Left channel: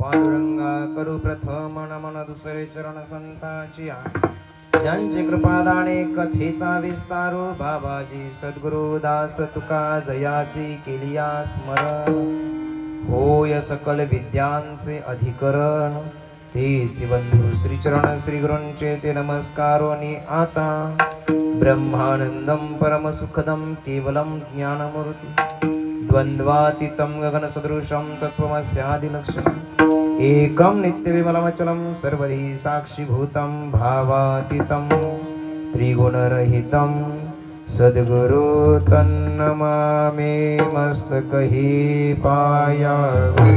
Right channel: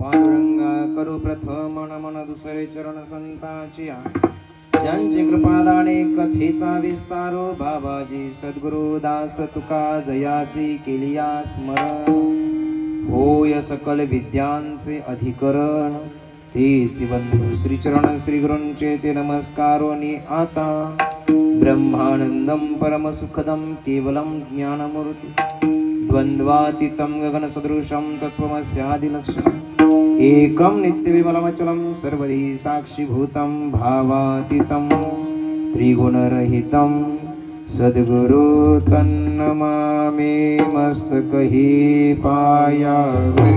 पांडुरंगा करू प्रथम नमन दुसरे चरण संतांची ज्यांची कृपादाने कथेचा विस्तारो बाबाजी सद्गुरु दास तुका जयाची केलिया स्मरण होय सकल विद्यांचे अधिकरण तेची बंधू श्रीचरण श्री गुरूंचे ते नमस्कारोनी आता ब्रह्मानंदम परम सुखदम केवलम ज्ञानमूर्ति द्वंद्वातीतं गगन सदृशं तत्त्वमस्यादिलक्षणम् एकं नित्यविमलमचलं सर्वधी साक्षीभूतं भावातीतं त्रिगुणरहितं सद्गुरु तन्नमामि मस्तकहि पायावि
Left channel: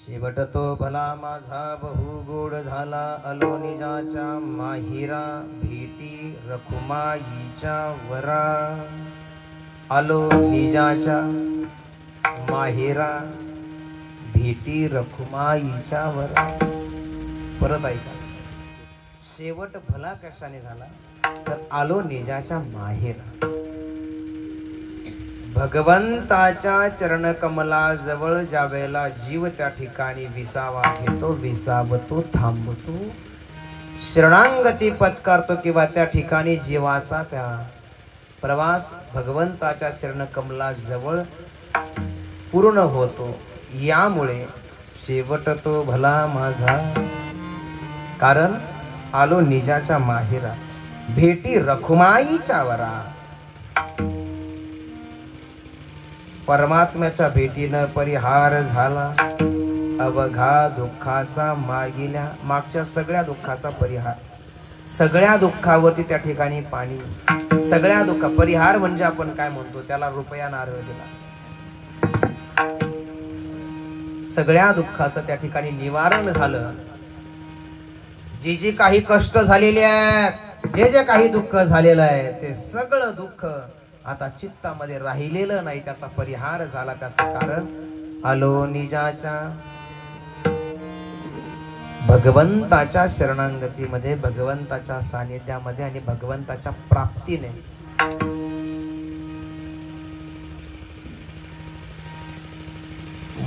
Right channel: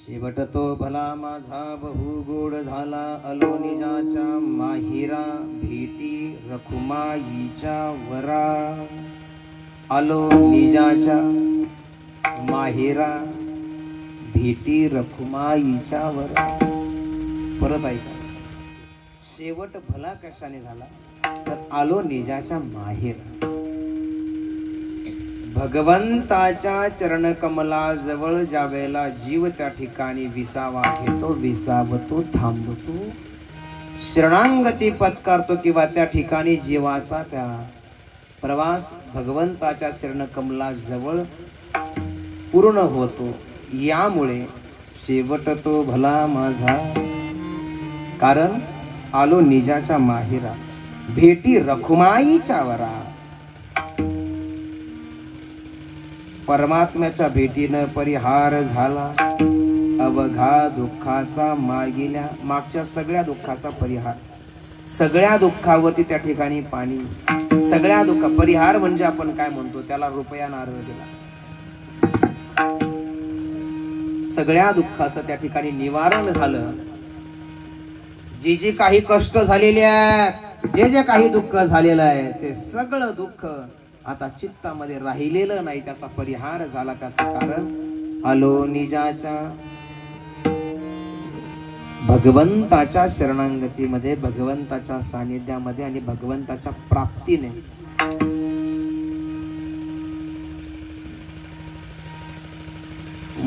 शेवट तो भला माझा बहु गोड झाला आलो निजाच्या माहिरा भेटी रखुमाईच्या वरा आलो निजाच्या माहिरा भेटी रखुमाईच्या वरा। परत ऐक, शेवट भला कशाने झाला तर आलो निजाच्या माहेरा भगवंताच्या चरणकमला जवळ ज्यावेळेला जीव त्या ठिकाणी विसावा घेतो, विसावतो, थांबतो, शरणांगती पत्कारतो किंवा त्या ठिकाणी जीवाचा त्या प्रवास भगवंताच्या चरणकमला जवळ पूर्ण होतो। यामुळे शेवट तो भला माझा, कारण आलो निजाच्या माहेरा भेटी रखुमाईच्या वरा। परमात्म्याच्या भेटीनं परिहार झाला अवघा दुःखाचा मागच्या सगळ्या दुःखाचा परिहार। सगळ्या दुःखावरती त्या ठिकाणी पाणी, सगळ्या दुःख परिहार म्हणजे आपण काय म्हणतो त्याला रुपया नारळ दिला। सगळ्या दुःखाचं त्या ठिकाणी निवारण झालं। जे जे काही कष्ट झालेले आहेत, जे काही दुःख झालेलं आहे ते सगळं दुःख आता चित्तामध्ये राहिलेलं नाही, त्याचा परिहार झाला। त्याचं कारण आलो निजाच्या भगवंताच्या शरणांगतीमध्ये, भगवंताच्या सानिध्यामध्ये आणि भगवंताच्या प्राप्तीने।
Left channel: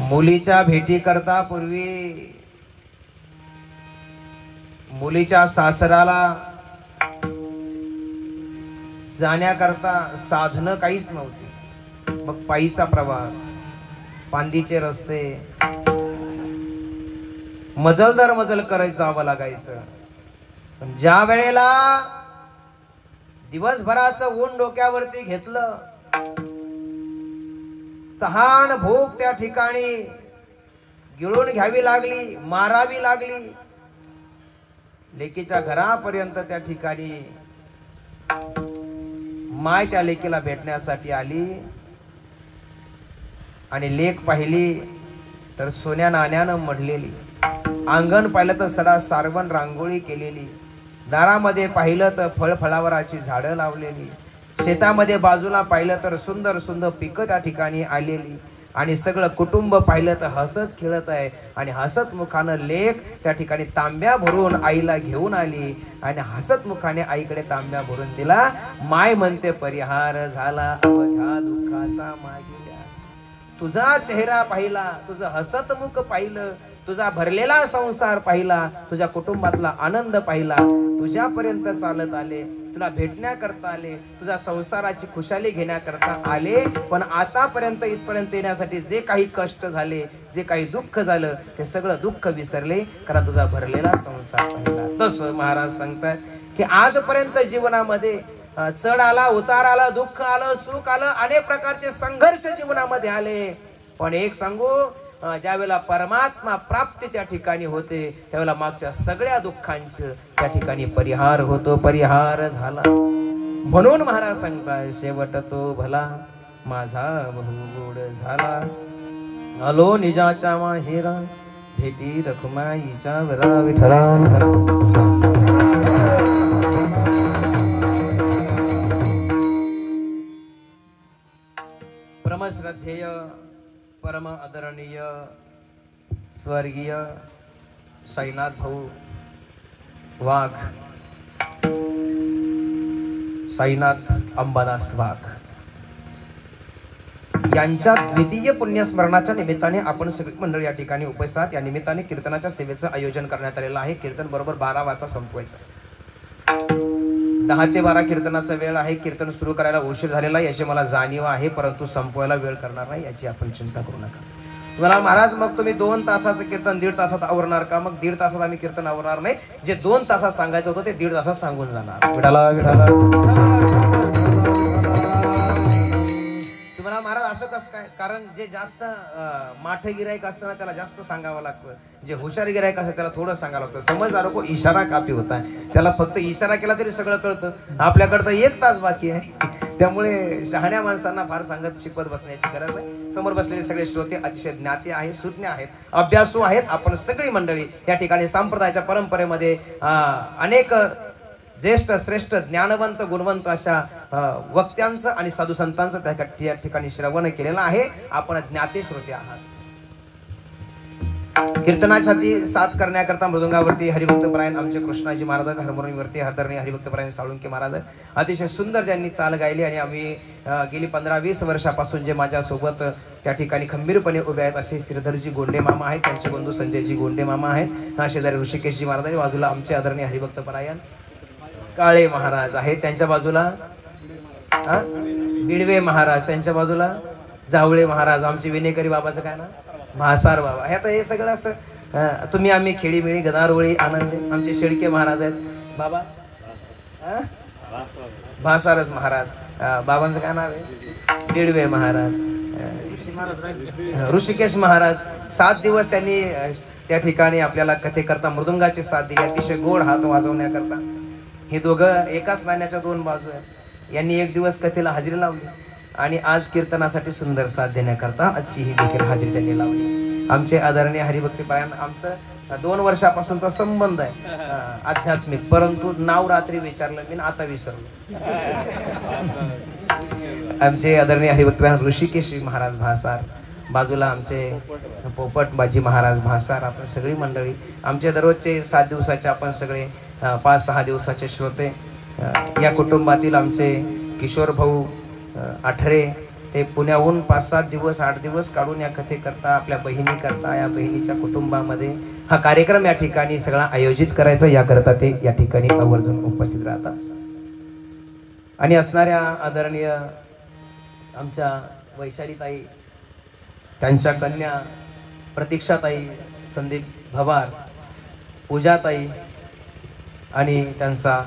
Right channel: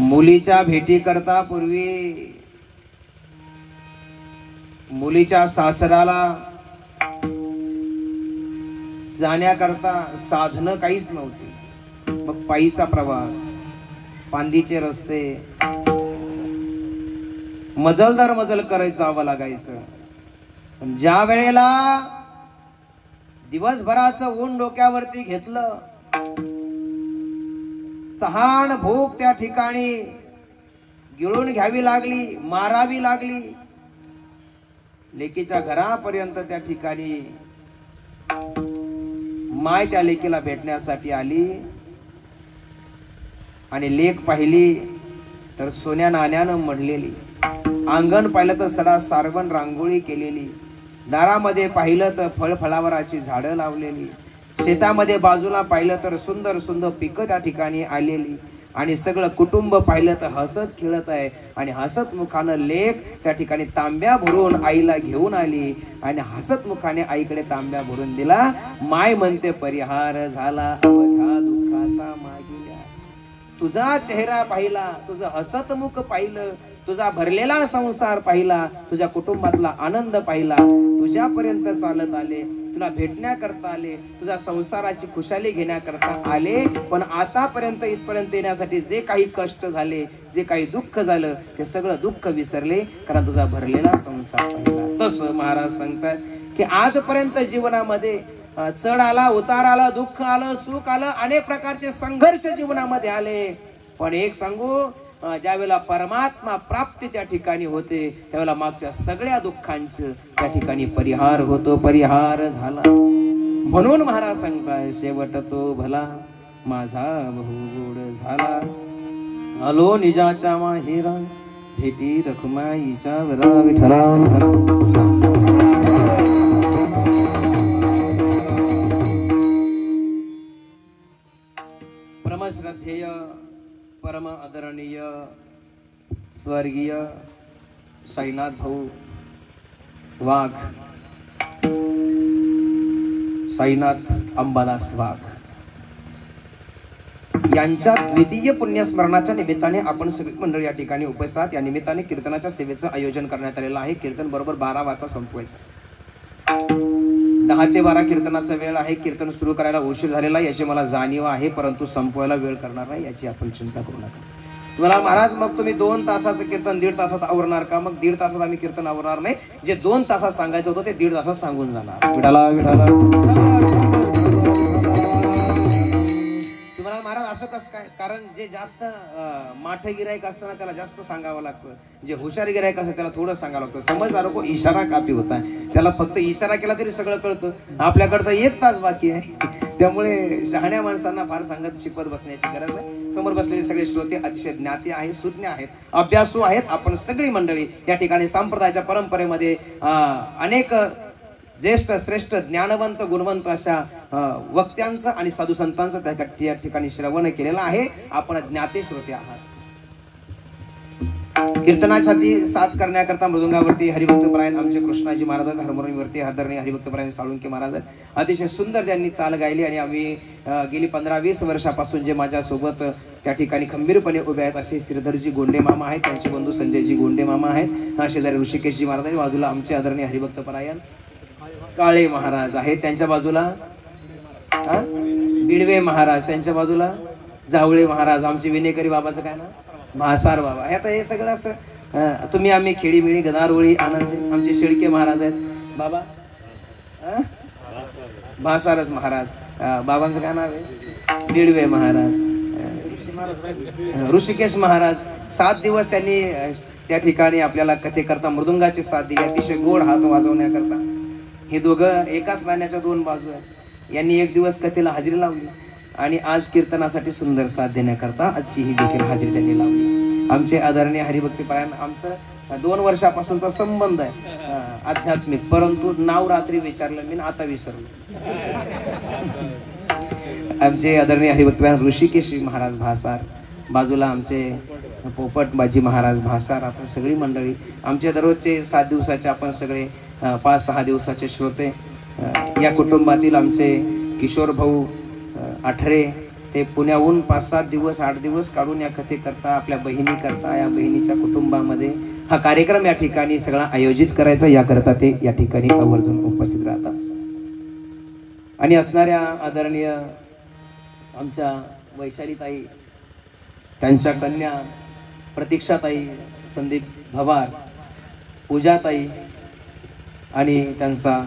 मुलीच्या भेटी करता पूर्वी मुलीच्या सासराला जाण्याकरता साधनं काहीच नव्हती। मग पायीचा प्रवास, पांदीचे रस्ते, मजल दर मजल करत जावं लागायचं। पण ज्या वेळेला दिवसभराचं ऊन डोक्यावरती घेतलं, तहान भूक त्या ठिकाणी गिळून घ्यावी लागली, मारावी लागली। लेकीच्या घरापर्यंत त्या ठिकाणी माय त्या लेकीला भेटण्यासाठी आली आणि लेक पाहिली तर सोन्या नाण्यानं मढलेली, अंगण पाहिलं तर सडा सारवण रांगोळी केलेली, दारामध्ये पाहिलं तर फळफळावराची झाडं लावलेली, शेतामध्ये बाजूला पाहिलं तर सुंदर सुंदर पिकं त्या ठिकाणी आलेली, आणि सगळं कुटुंब पाहिलं तर हसत खेळत आहे। आणि हसत मुखानं लेक त्या ठिकाणी तांब्या भरून आईला घेऊन आली आणि हसत मुखाने आईकडे तांब्या भरून दिला। माय म्हणते परिहार झाला अवघ्या दुःखाचा मागिल्या। तुझा चेहरा पाहिला, तुझं हसत मुख पाहिलं, तुझा भरलेला संसार पाहिला, तुझ्या कुटुंबातला आनंद पाहिला, तुझ्यापर्यंत चालत आले, तुला भेटण्याकरता आले, तुझ्या संसाराची खुशाली घेण्याकरता आले. पण आतापर्यंत इथपर्यंत येण्यासाठी जे काही कष्ट झाले, जे काही दुःख झालं, ते सगळं दुःख विसरले, कारण तुझा भरलेला संसार पाहिला. तसं महाराज सांगतात की आजपर्यंत जीवनामध्ये चढ आला, उतार आला, दुःख आलं, सुख आलं, अनेक प्रकारचे संघर्ष जीवनामध्ये आले. पण एक सांगू, ज्या वेळेला परमात्मा प्राप्ती त्या ठिकाणी होते, त्यावेळेला मागच्या सगळ्या दुःखांचं त्या ठिकाणी परिहार होतो, परिहार झाला. म्हणून महाराज सांगताय, शेवट तो भला माझा बहु गोड झाला. आलो निजाच्या माहेर भेटी रखुमाईच्या वरा विठला. परमश्रद्धेय, परम आदरणीय स्वर्गीय साईनाथ भाऊ वाघ, साईनाथ अंबादास वाघ यांच्या द्वितीय पुण्यस्मरणाच्या निमित्ताने आपण सगळी मंडळी या ठिकाणी उपस्थित आहात. या निमित्ताने कीर्तनाच्या सेवेचं आयोजन करण्यात आलेलं आहे. कीर्तन बरोबर 12 वाजता संपवायचं. 10 ते 12 कीर्तनाचा वेळ आहे. कीर्तन सुरू करायला उशीर झालेला याची मला जाणीव आहे, परंतु संपवायला वेळ करणार नाही याची आपण चिंता करू नका. तुम्हाला महाराज मग तुम्ही 2 तासाचं कीर्तन 1.5 तासात आवरणार का? मग 1.5 तासात आम्ही कीर्तन आवरणार नाही. जे 2 तासात सांगायचं होतं ते 1.5 तासात सांगून जाणार. विठाला विठाला. तुम्हाला महाराज असं कसं काय? कारण जे जास्त माठे गिराईक असतं ना, त्याला जास्त सांगावं लागतं. जे हुशार गिराईक असतं त्याला थोडं सांगावं लागतं. समजदार को इशारा काफी होता है. त्याला फक्त इशारा केला तरी सगळं कळतं. आपल्याकडं 1 तास बाकी आहे. त्यामुळे शहाण्या माणसांना फार सांगत शिकवत बसण्याची गरज नाही. समोर बसलेले सगळे श्रोते अतिशय ज्ञाते आहेत, सुज्ञ आहेत, अभ्यासू आहेत. आपण सगळी मंडळी या ठिकाणी संप्रदायाच्या परंपरेमध्ये अनेक ज्येष्ठ श्रेष्ठ ज्ञानवंत गुणवंत अशा वक्त्यांचं आणि साधू संतांचं त्या ठिकाणी श्रवण केलेलं आहे. आपण ज्ञाते श्रोते आहात. कीर्तनासाठी साथ करण्याकरता मृदंगावरती हरिभक्तपरायण आमचे कृष्णाजी महाराज आहेत. हार्मोनियमवरती आदरणीय हरिभक्तपरायण साळुंके महाराज आहेत. अतिशय सुंदर ज्यांनी चाल गायली आणि आम्ही गेली 15-20 वर्षापासून जे माझ्या सोबत त्या ठिकाणी खंबीरपणे उभे आहेत असे श्रीधरजी गोंडे मामा आहेत. त्यांचे बंधू संजयजी गोंडे मामा आहेत. शेजारी ऋषिकेशजी महाराज आहेत. बाजूला आमचे आदरणीय हरिभक्तपरायण काळे महाराज आहेत. त्यांच्या बाजूला बिडवे महाराज, त्यांच्या बाजूला जावळे महाराज. आमचे विनेकरी बाबाचं काय ना, म्हासार बाबा. हे आता हे सगळं असं तुम्ही आम्ही खेळीमेळी गदारवळी आनंद. आमचे शेळके महाराज आहेत बाबा, म्हासारच महाराज. बाबांचं काय नाव आहे? बिडवे महाराज. ऋषिकेश महाराज 7 दिवस त्यांनी त्या ठिकाणी आपल्याला कथेकरता मृदुंगाचे साथ दिले, अतिशय गोड हात वाजवण्याकरता. हे दोघं एकाच नाण्याच्या 2 बाजू आहेत. यांनी 1 दिवस कथेला हजेरी लावली आणि आज कीर्तनासाठी सुंदर साथ देण्याकरता आजची ही देखील हजेरी त्यांनी लावली. आमचे आदरणीय हरिभक्तपरायण, आमचं 2 वर्षापासूनचा संबंध आहे आध्यात्मिक, परंतु नाव रात्री विचारलं मी आता विसरलो. आमचे आदरणीय हरिभक्तपरायण ऋषिकेश महाराज भासार, बाजूला आमचे पोपटबाजी महाराज भासार. आपण सगळी मंडळी आमचे दररोजचे 7 दिवसाचे आपण सगळे 5-6 दिवसाचे श्रोते. या कुटुंबातील आमचे किशोर भाऊ आठरे, ते पुण्याहून 5-7 दिवस 8 दिवस काढून या कथेकरता आपल्या बहिणी करता या बहिणीच्या कुटुंबामध्ये हा कार्यक्रम या ठिकाणी सगळा आयोजित करायचा याकरता ते या ठिकाणी आवर्जून उपस्थित राहतात. आणि असणाऱ्या आदरणीय आमच्या वैशालीताई, त्यांच्या कन्या प्रतीक्षाताई संदीप भवार, पूजाताई आणि त्यांचा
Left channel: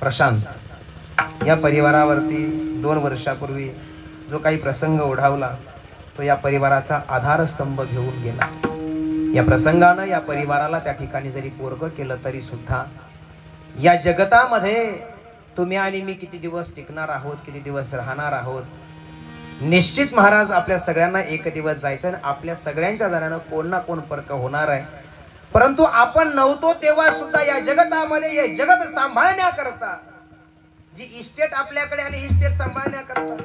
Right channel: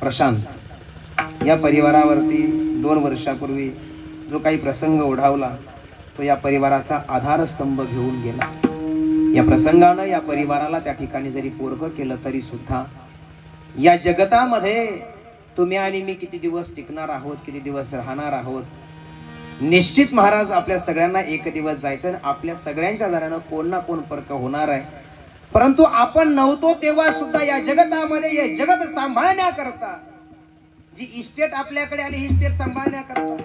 प्रशांत, या परिवारावरती 2 वर्षापूर्वी जो काही प्रसंग ओढावला तो या परिवाराचा आधारस्तंभ घेऊन गेला. या प्रसंगानं या परिवाराला त्या ठिकाणी जरी पोरगं केलं तरी सुद्धा या जगतामध्ये तुम्ही आणि मी किती दिवस टिकणार आहोत, किती दिवस राहणार आहोत, निश्चित महाराज आपल्या सगळ्यांना एक दिवस जायचं आणि आपल्या सगळ्यांच्या दरम्यान कोण ना कोण फरक होणार आहे. परंतु आपण नव्हतो तेव्हा सुद्धा या जगतामध्ये हे जगत सांभाळण्याकरता जी इस्टेट आपल्याकडे आली, ही इस्टेट सांभाळण्याकरता,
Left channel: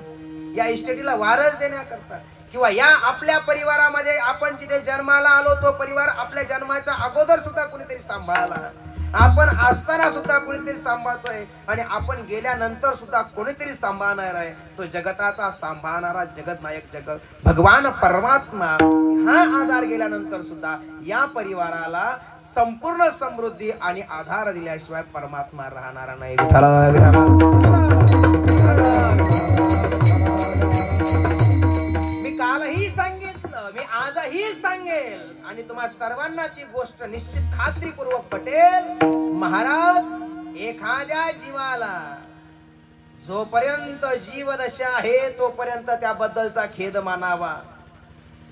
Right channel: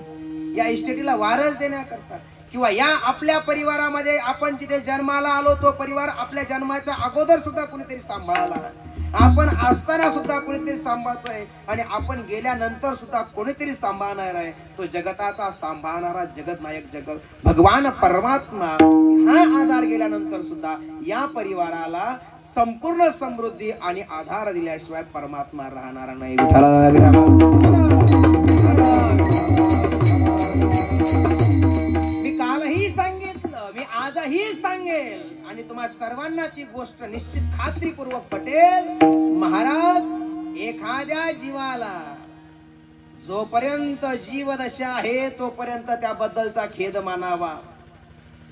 या इस्टेटीला वारस देण्याकरता, किंवा या आपल्या परिवारामध्ये आपण जिथे जन्माला आलो तो परिवार आपल्या जन्माच्या अगोदर सुद्धा कोणीतरी सांभाळला. आपण असताना सुद्धा कोणीतरी सांभाळतोय आणि आपण गेल्यानंतर सुद्धा कोणीतरी सांभाळणार आहे. तो जगताचा सांभाळणारा जगतनायक जगत भगवान परमात्मा हा आधार गेल्यानंतर सुद्धा या परिवाराला संपूर्ण समृद्धी आणि आधार दिल्याशिवाय परमात्मा राहणार नाही. मी कालही सांगितलं, मी आजही सांगेल आणि तुम्हा सर्वांना ती गोष्ट निश्चित खात्रीपूर्वक पटेल. महाराज, एखाद्या जीवाला जोपर्यंत जीवदशा आहे तोपर्यंत त्याबद्दलचा खेद मानावा,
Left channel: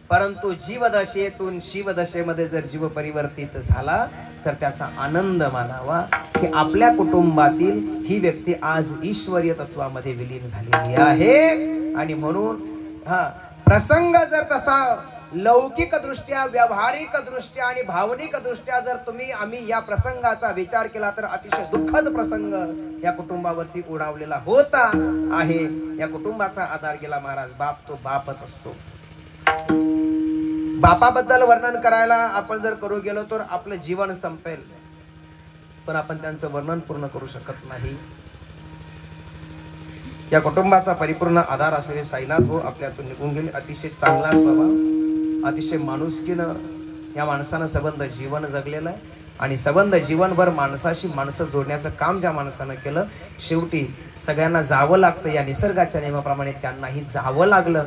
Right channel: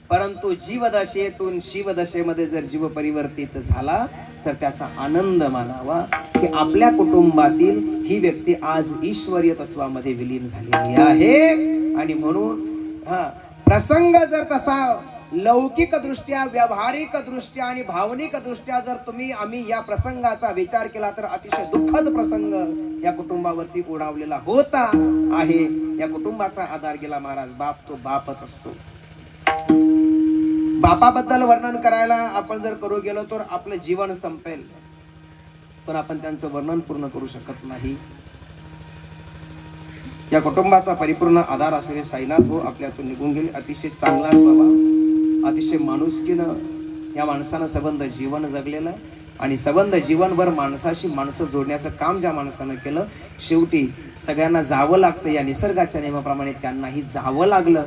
परंतु जीवदशेतून शिवदशेमध्ये जर जीव परिवर्तित झाला तर त्याचा आनंद मानावा की आपल्या कुटुंबातील ही व्यक्ती आज ईश्वरीय तत्वामध्ये विलीन झालेली आहे. आणि म्हणून प्रसंग जर तसा लौकिक दृष्ट्या, व्यावहारिक दृष्ट्या आणि भावनिक दृष्ट्या जर आम्ही या प्रसंगाचा विचार केला तर अतिशय दुःखद प्रसंग या कुटुंबावरती ओढावलेला होता आहे. या कुटुंबाचा आधार गेला महाराज. बाप तो बापच असतो. बापाबद्दल वर्णन करायला आपण जर करू गेलो तर आपलं जीवन संपेल, पण आपण त्यांचं वर्णन पूर्ण करू शकत नाही. या कुटुंबाचा परिपूर्ण आधार असलेले साईनाथ भाऊ आपल्यातून निघून गेले. अतिशय चांगला स्वभाव, अतिशय माणुसकीनं या माणसानं संबंध जीवन जगलेलं आहे आणि संबंध जीवनभर माणसाशी माणसं जोडण्याचं काम ज्या माणसानं केलं, शेवटी सगळ्यांना जावं लागतं. या निसर्गाच्या नियमाप्रमाणे त्यांनाही जावं लागलं,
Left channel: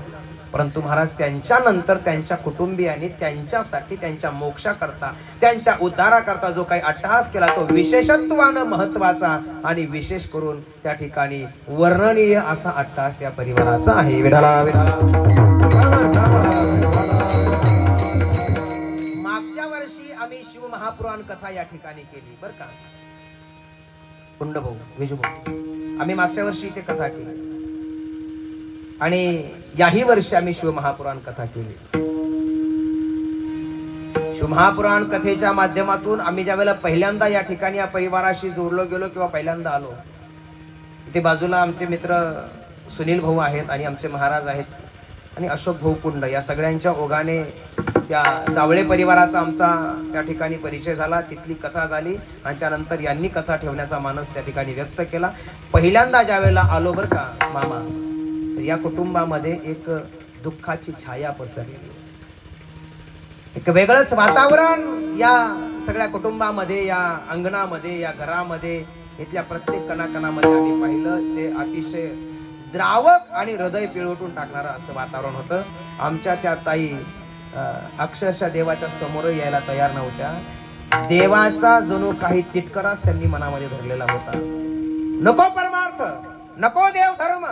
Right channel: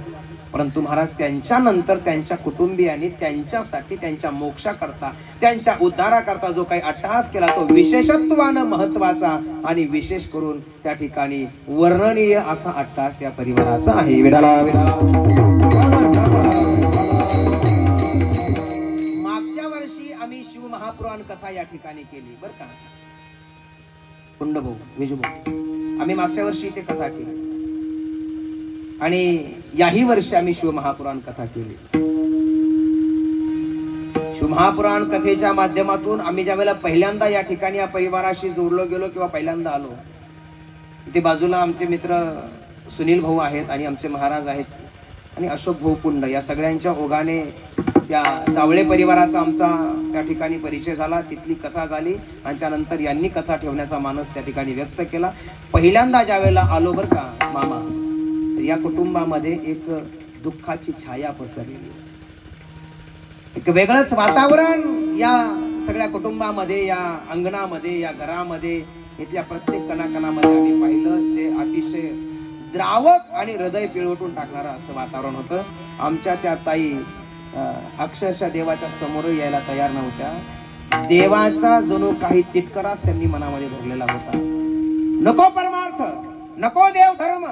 परंतु महाराज त्यांच्यानंतर त्यांच्या कुटुंबियांनी त्यांच्यासाठी, त्यांच्या मोक्षाकरता, त्यांच्या उद्धाराकरता जो काही अट्टहास केला तो विशेषत्वानं महत्वाचा आणि विशेष करून त्या ठिकाणी वर्णनीय असा अट्टहास या परिवाराचा आहे. विठाला विठाला. मागच्या वर्षी आम्ही शिव महापुराण कथा या ठिकाणी केली बरं का. कुंड भाऊ, विजू भाऊ, आम्ही मागच्या वर्षी इथे कथा केली आणि याही वर्षी आम्ही शिवमहापुराण कथा केली. शिवमहापुराण कथेच्या माध्यमातून आम्ही ज्या वेळेला पहिल्यांदा या ठिकाणी या परिवाराशी जोडलो गेलो किंवा पहिल्यांदा आलो, इथे बाजूला आमचे मित्र सुनील भाऊ आहेत आणि आमचे महाराज आहेत आणि अशोक भाऊ कुंड, या सगळ्यांच्या ओघाने त्या जावळे परिवाराचा आमचा त्या ठिकाणी परिचय झाला. तिथली कथा झाली आणि त्यानंतर यांनी कथा ठेवण्याचा मानस त्या ठिकाणी व्यक्त केला. पहिल्यांदा ज्या वेळेला आलो बरं का मामा, या कुटुंबामध्ये एक दुःखाची छाया पसरलेली, एक वेगळंच वातावरण या सगळ्या कुटुंबामध्ये, या अंगणामध्ये, या घरामध्ये, इथल्या प्रत्येक कणाकणामध्ये आम्ही पाहिलं. ते अतिशय द्रावक आणि हृदय पिळवटून टाकणारं असं वातावरण होतं. आमच्या त्या ताई अक्षरशः देवाच्या समोर यायला तयार नव्हत्या. देवाचा जणू काही तिटकाराच त्यांनी मनामध्ये धरलेला होता. नको परमार्थ, नको देव धर्म,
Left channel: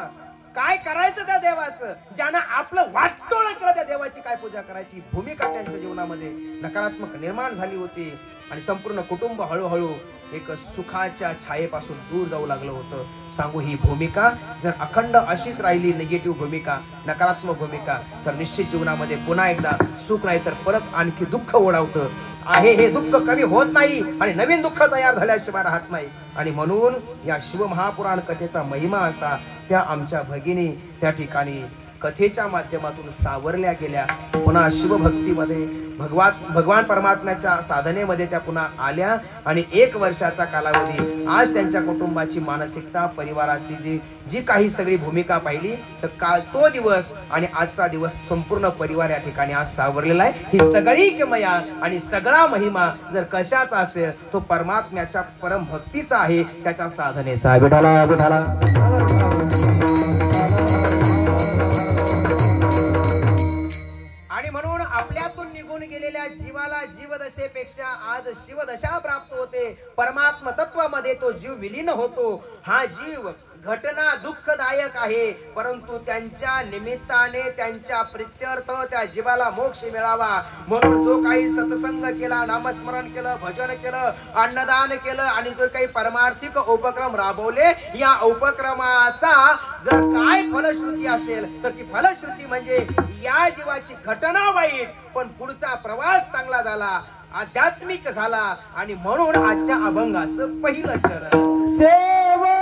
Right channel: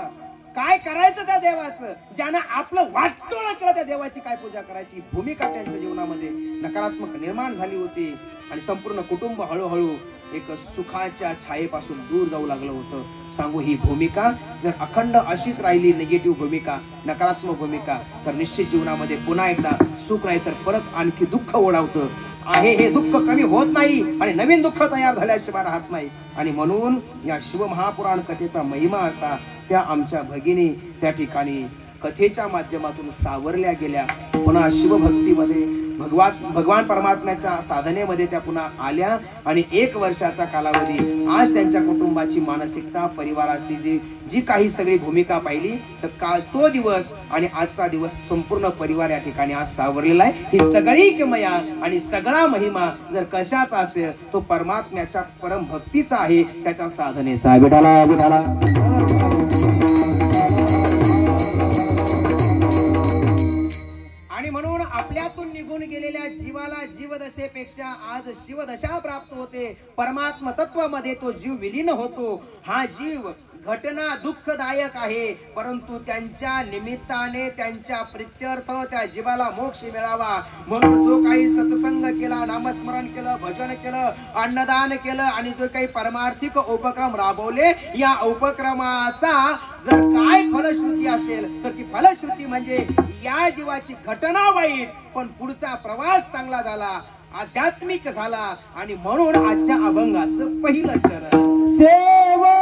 काय करायचं त्या देवाचं, ज्यांना आपलं वाटोळं केलं त्या देवाची काय पूजा करायची, भूमिका त्यांच्या जीवनामध्ये नकारात्मक निर्माण झाली होती आणि संपूर्ण कुटुंब हळूहळू एक सुखाच्या छायेपासून दूर जाऊ लागलं होतं. सांगू, ही भूमिका जर अखंड अशीच राहिली, निगेटिव्ह भूमिका, नकारात्मक भूमिका, तर निश्चित जीवनामध्ये पुन्हा एकदा सुख नाही तर परत आणखी दुःख ओढावतं आहे. हे दुःख कमी होत नाही आणि नवीन दुःख तयार झाल्याशिवाय राहत नाही. आणि म्हणून या शिवमहापुराण कथेचा महिमा असा, त्या आमच्या भगिनी त्या ठिकाणी कथेच्या माध्यमातून सावरल्या गेल्या. पुन्हा शिवभक्तीमध्ये, भगवान परमात्म्याच्या साधनेमध्ये त्या पुन्हा आल्या आणि 1 वर्षाचा कालावधी आज त्यांच्या कुटुंबाची मानसिकता, परिवाराची जी काही सगळी भूमिका पाहिली, तर काल तो दिवस आणि आजचा दिवस संपूर्ण परिवार या ठिकाणी आज सावरलेला आहे. ही सगळी किमया आणि सगळा महिमा जर कशाचा असेल तो परमात्म्याच्या परम भक्तीचा आहे, त्याच्या साधनेचा. विठाला विठाला. आणि म्हणून आपल्यातून निघून गेलेल्या जीवाला जीवदशेपेक्षा आज शिवदशा प्राप्त होते. परमात्म तत्वामध्ये तो जीव विलीन होतो. हा जीव घटना दुःखदायक आहे, परंतु त्यांच्या निमित्ताने, त्यांच्या प्रित्यर्थ त्या जीवाला मोक्ष मिळावा म्हणून जो काही सत्संग केला, नामस्मरण केलं, भजन केलं, अन्नदान केलं आणि जो काही परमार्थिक उपक्रम राबवले, या उपक्रमाचा जर काय फलश्रुती असेल तर ती फलश्रुती म्हणजे या जीवाची घटना वाईट पण पुढचा प्रवास चांगला झाला, आध्यात्मिक झाला. आणि म्हणून आजच्या अभंगाचं पहिलं चरण सेवा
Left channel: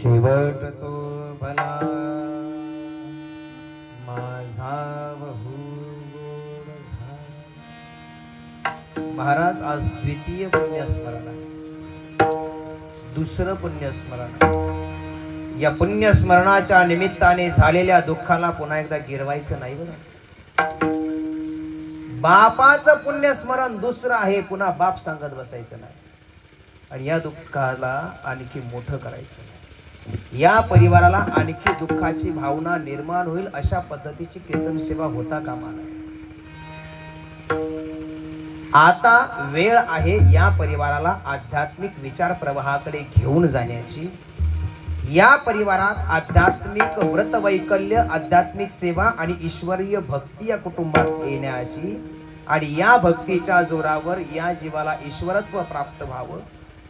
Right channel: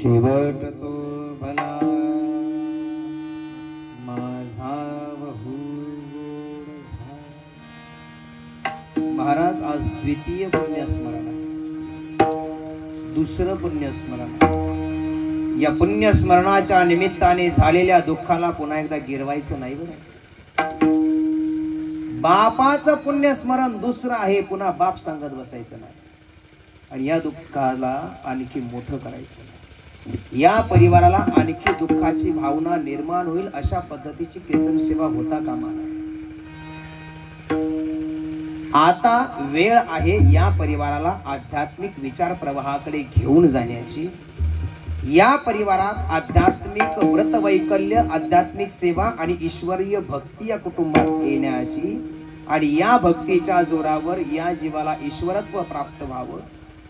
शेवट तो भला माझा बहु महाराज आज द्वितीय पुण्यस्मरण आहे, दुसरं पुण्यस्मरण. या पुण्यस्मरणाच्या निमित्ताने झालेल्या दुःखाला पुन्हा एकदा गिरवायचं नाही बरं. बापाचं पुण्यस्मरण दुसरं आहे, पुन्हा बाप सांगत बसायचं नाही आणि या दुःखाला आणखी मोठं करायचं. या परिवाराला आणखी दुःखाची भावना निर्माण होईल अशा पद्धतीची कीर्तन सेवा होता कामा नये. आता वेळ आहे या परिवाराला आध्यात्मिक विचार प्रवाहाकडे घेऊन जाण्याची. या परिवारात आध्यात्मिक व्रत वैकल्य, आध्यात्मिक सेवा आणि ईश्वरीय भक्ती या कुटुंबात येण्याची आणि या भक्तीच्या जोरावर या जीवाला ईश्वरत्व प्राप्त व्हावं,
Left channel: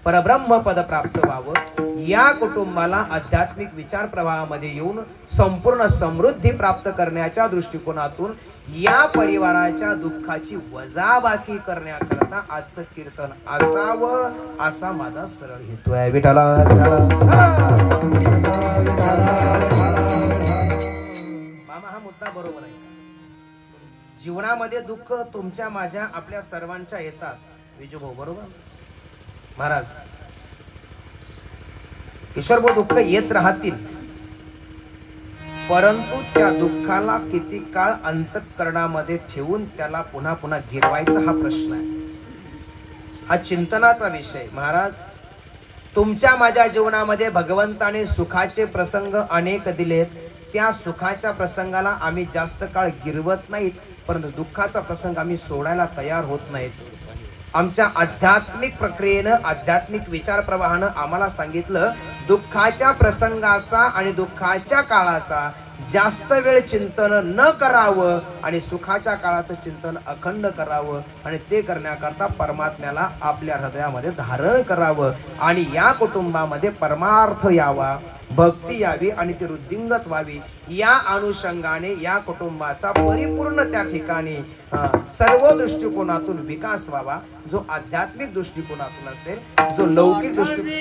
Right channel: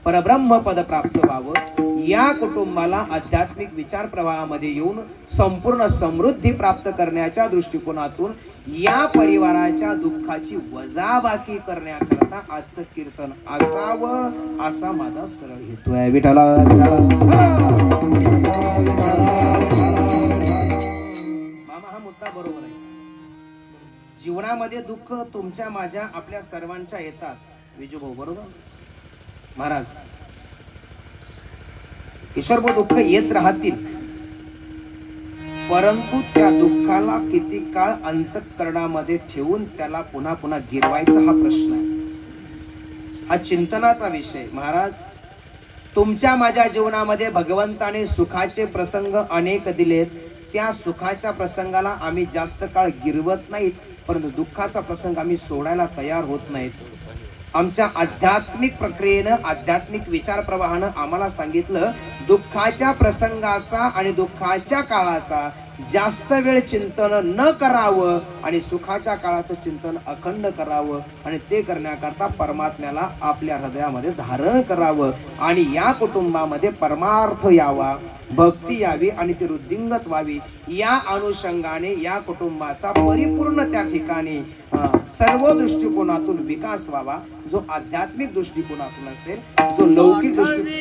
परब्रह्म पद प्राप्त व्हावं. या कुटुंबाला आध्यात्मिक विचार प्रवाहामध्ये येऊन संपूर्ण समृद्धी प्राप्त करण्याच्या दृष्टिकोनातून या परिवाराच्या दुःखाची वजाबाकी करण्याकरता आजचं कीर्तन असावं असा माझा सरळ हेतू आहे. विठाला मामा, हा मुद्दा बरोबर आहे. जीवनामध्ये दुःख तुमच्या, माझ्या, आपल्या सर्वांच्या येतात. विजूभाऊ बरोबर. महाराज ईश्वर दुःख येत राहतील, परंतु त्या दुःखाला किती काळ अंतःकरणामध्ये ठेवून त्याला पुन्हा पुन्हा गिरवायचा हा प्रश्न आहे. हा चिंतनाचा विषय. महाराज तुमच्या माझ्या जीवनामध्ये भगवंताने सुखाचे प्रसंग अनेक दिलेत. त्या सुखाच्या प्रसंगाला आम्ही जास्त काळ गिरवत नाहीत, परंतु दुःखाचा प्रसंग आम्ही सोडायला तयार होत नाहीत. आमच्या आध्यात्मिक प्रक्रियेनं, आध्यात्मिक विचार प्रवाहानं आम्हाला सांगितलं, दुःखाच्या प्रसंगाचा आणि दुःखाच्या काळाचा जास्त वेळ चिंतन न करावं आणि सुखाच्या काळाचं चिंतन अखंड करावं आणि ते करण्याकरता परमात्म्याला आपल्या हृदयामध्ये धारण करावं आणि या कुटुंबामध्ये परमार्थ यावा, भक्ती यावी आणि ती वृद्धिंगत व्हावी. या अनुषंगाने या कुटुंबाचा परिपूर्ण त्या ठिकाणी सर्व दृष्टिकोनातून विकास व्हावा. जो आध्यात्मिक दृष्टिकोनातून असेल, जो लौकिक दृष्टिकोन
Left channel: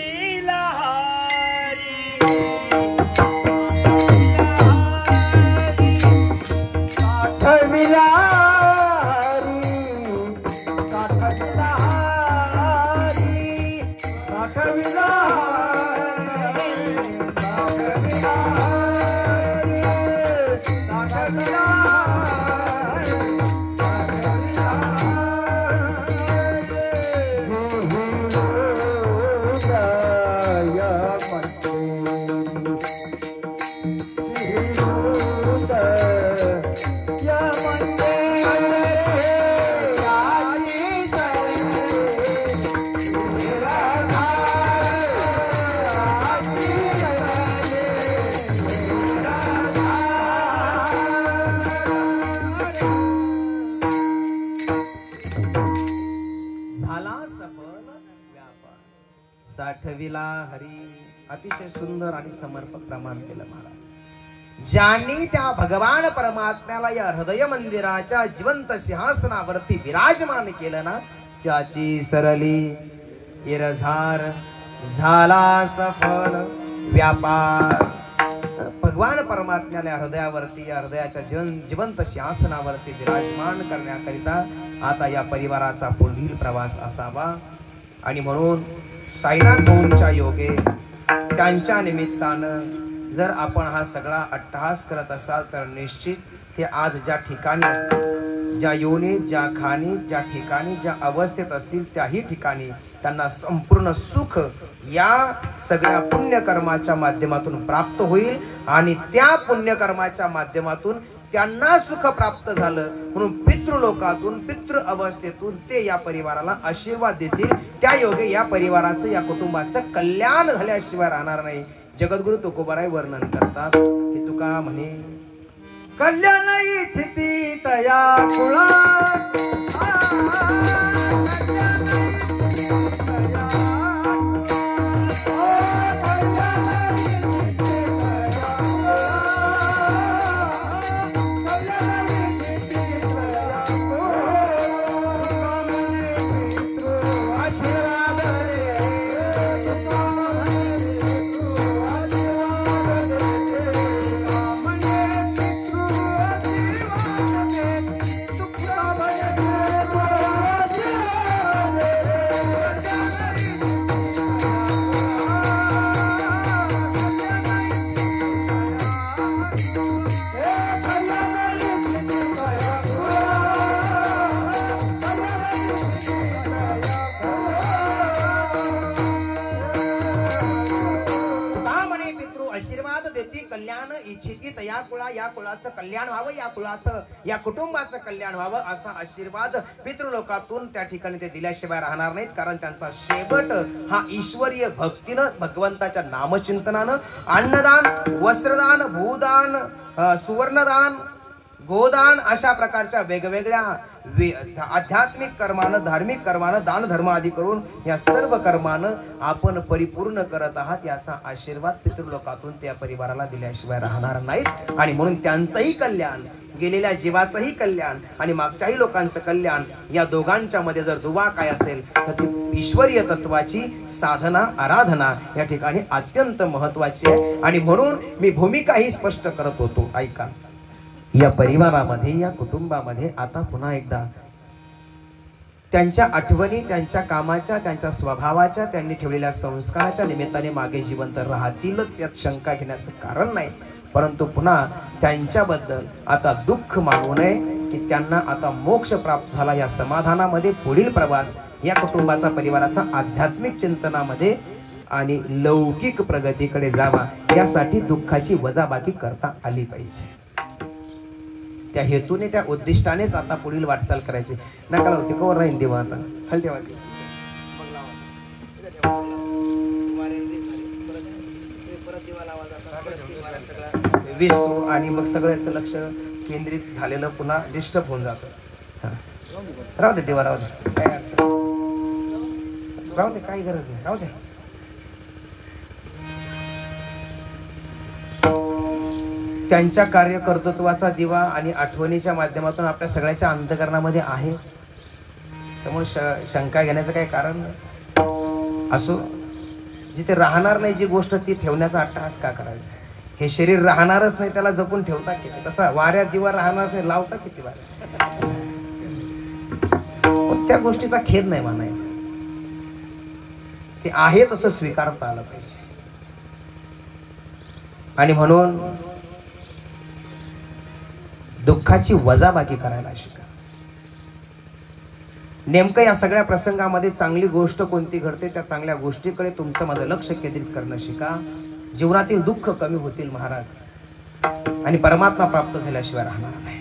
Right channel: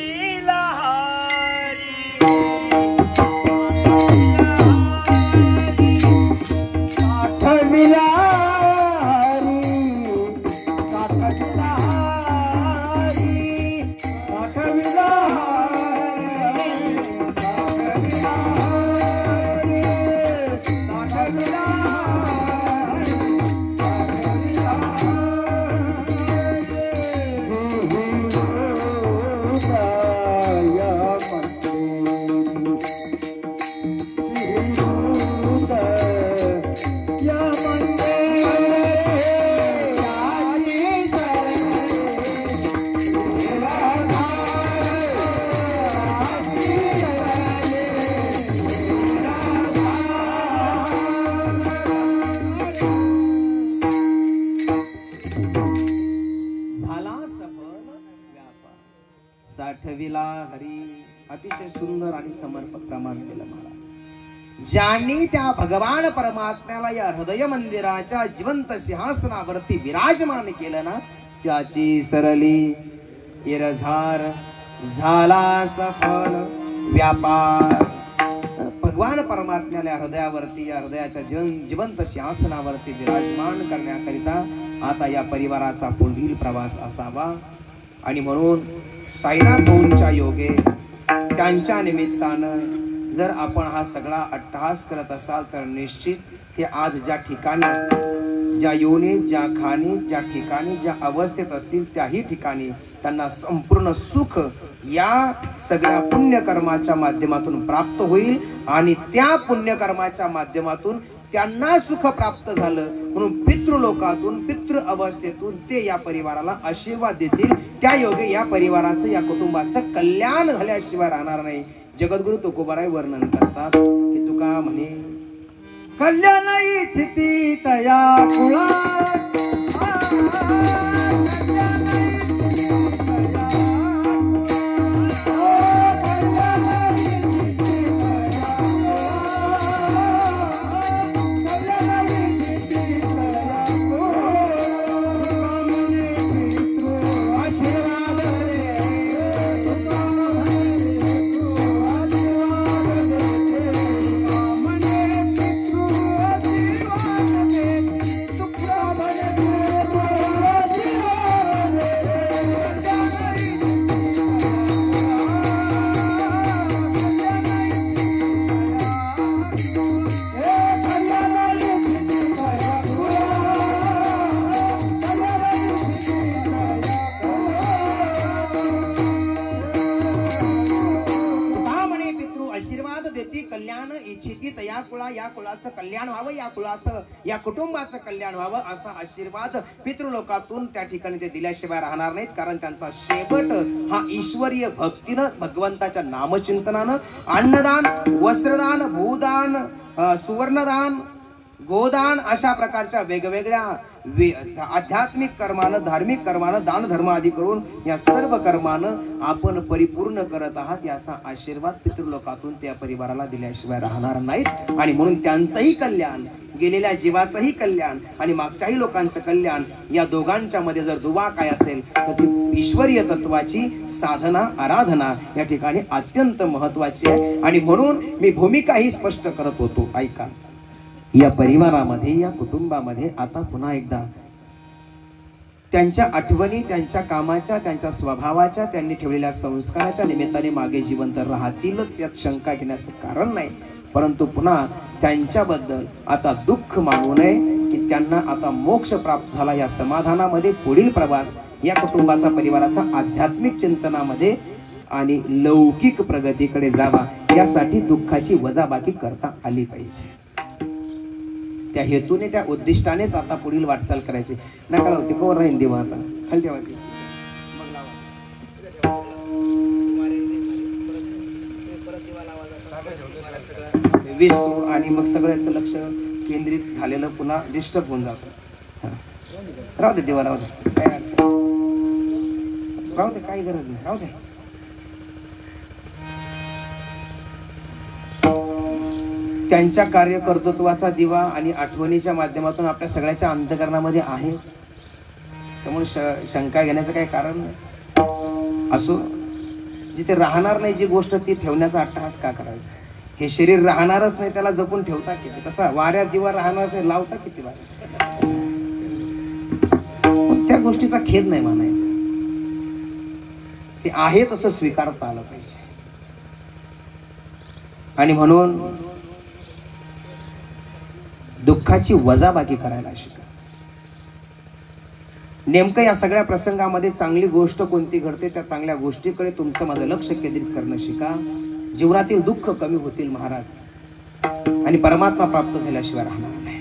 साठविला हरी. अतिशय सुंदर आणि समर्पक प्रमाण केलं महाराज. ज्यांनी त्या भगवान परमात्म्याला या हृदय मंदिराच्या जिवंत सिंहासनावरती विराजमान केलं ना, त्याची सरली इरझार झाला सफल व्यापार. भगवान परमात्म्याला हृदयावरती, या हृदयाच्या जिवंत सिंहासनावरती विराजमान करण्याकरिता आता या परिवाराचा पुढील प्रवास असावा. आणि म्हणून साईनाथ भाऊंच्या योगे, त्यांच्या निमित्तानं जर आपण हा सगळा अट्टहास करत असाल तर निश्चित ते आज ज्या ठिकाणी असतील, ज्या योनीत, ज्या खाणीत, ज्या ठिकाणी, ज्या अवस्थेत असतील, त्याही ठिकाणी त्यांना संपूर्ण सुख या सगळ्या पुण्यकर्माच्या माध्यमातून प्राप्त होईल आणि त्या पुण्यकर्माच्या माध्यमातून त्यांना सुख प्राप्त झालं म्हणून पितृलोकातून, पितृ अवस्थेतून ते या परिवाराला आशीर्वाद देतील. त्या योगे या परिवाराचं, या कुटुंबाचं कल्याण झाल्याशिवाय राहणार नाही. जगद्गुरु तुकोबाराय वर्णन करतात की तुका म्हणे, कल्याण इच्छिती तया कुळा इच्छित या कुळाचं कल्याण व्हावं, या कुळाचं या कुटुंबाचं कल्याण व्हावं असा आशीर्वाद पितृलोकातून त्या ठिकाणी ते दिल्याशिवाय राहणार नाहीत. कारण त्यांचा शेवट हा ईश्वरीय भक्तीनं, भगवंताच्या नामचिंतनानं, अन्नदान, वस्त्रदान, भूदान, सुवर्णदान, गोदान अशा प्रकारच्या वेगवेगळ्या आध्यात्मिक कर्मानं, धार्मिक कर्मानं, दान धर्म आदी करून या सर्व कर्मानं आपण परिपूर्ण करत आहात याचा आशीर्वाद पितृलोकातून त्या परिवाराला दिल्याशिवाय राहणार नाहीत. आणि म्हणून त्यांचंही कल्याण, गेलेल्या जीवाचंही कल्याण आणि मागच्याही लोकांचं कल्याण या दोघांच्या मध्ये जर दुवा काय असेल तर ती ईश्वरीय तत्वाची साधना, आराधना या ठिकाणी अत्यंत महत्वाची आहे. आणि म्हणून मी भूमिका ही स्पष्ट करत होतो. ऐका, या परिवारामध्ये, या कुटुंबामध्ये आता पुन्हा एकदा त्यांच्या आठवणी, त्यांच्या कामाच्या, त्यांच्या स्वभावाच्या, त्यांनी ठेवलेल्या संस्काराच्या निमित्ताने मागे जिवंत राहतीलच, यात शंका घेण्याचं कारण नाही. परंतु पुन्हा त्यांच्याबद्दल आता दुःख मानू नये की त्यांना आता मोक्ष प्राप्त झाला. या समाधानामध्ये पुढील प्रवास या कुटुंबाचा, परिवाराचा आध्यात्मिक चिंतनामध्ये आणि लौकिक प्रगतीकडे जावा, यासाठी दुःखाची वजाबाकी करता आली पाहिजे. त्या हेतूने, त्या उद्दिष्टानेच आता पुढील वाटचाल करायची. नका लावते कवर राहील देवा, आता खाली ठेवा ते. विसरू आणि मग सगळ्याचं लक्ष केंद्रित झालेलं पुन्हा डिस्टर्ब होऊन जातं. राहू दे देवा, राहू दे, राहू दे, काही गरज नाही, राहू दे. त्यांच्या कार्यकर्तृत्वाचा दिवा आणि आठवणीच्या माध्यमातून आपल्या सगळ्याच्या अंतःकरणामध्ये आहेच. त्यामुळे शंका घेण्याचं काही कारण नाही. असो, जिथे राहणार नाही जी गोष्ट ती ठेवण्याचा अट्टहास का करायचा. हे शरीर राहणारच नाही, त्याला जपून ठेवता किती. तसा वाऱ्यात दिवा राहणारच नाही, लावता किती वार. त्या गोष्टीचा खेद नाही मानायचा. ते आहे तसं स्वीकारता आलं पाहिजे. आणि म्हणून दुःखाची वजाबाकी करायला शिका. नेमकं या सगळ्या प्रसंगामध्ये चांगली गोष्ट कोणती घडते त्या चांगल्या गोष्टीकडे तुमचं माझं लक्ष केंद्रित करणं शिका. जीवनातील दुःख कमी होतील महाराज, आणि परमात्मा प्राप्त झाल्याशिवाय राहणार नाही.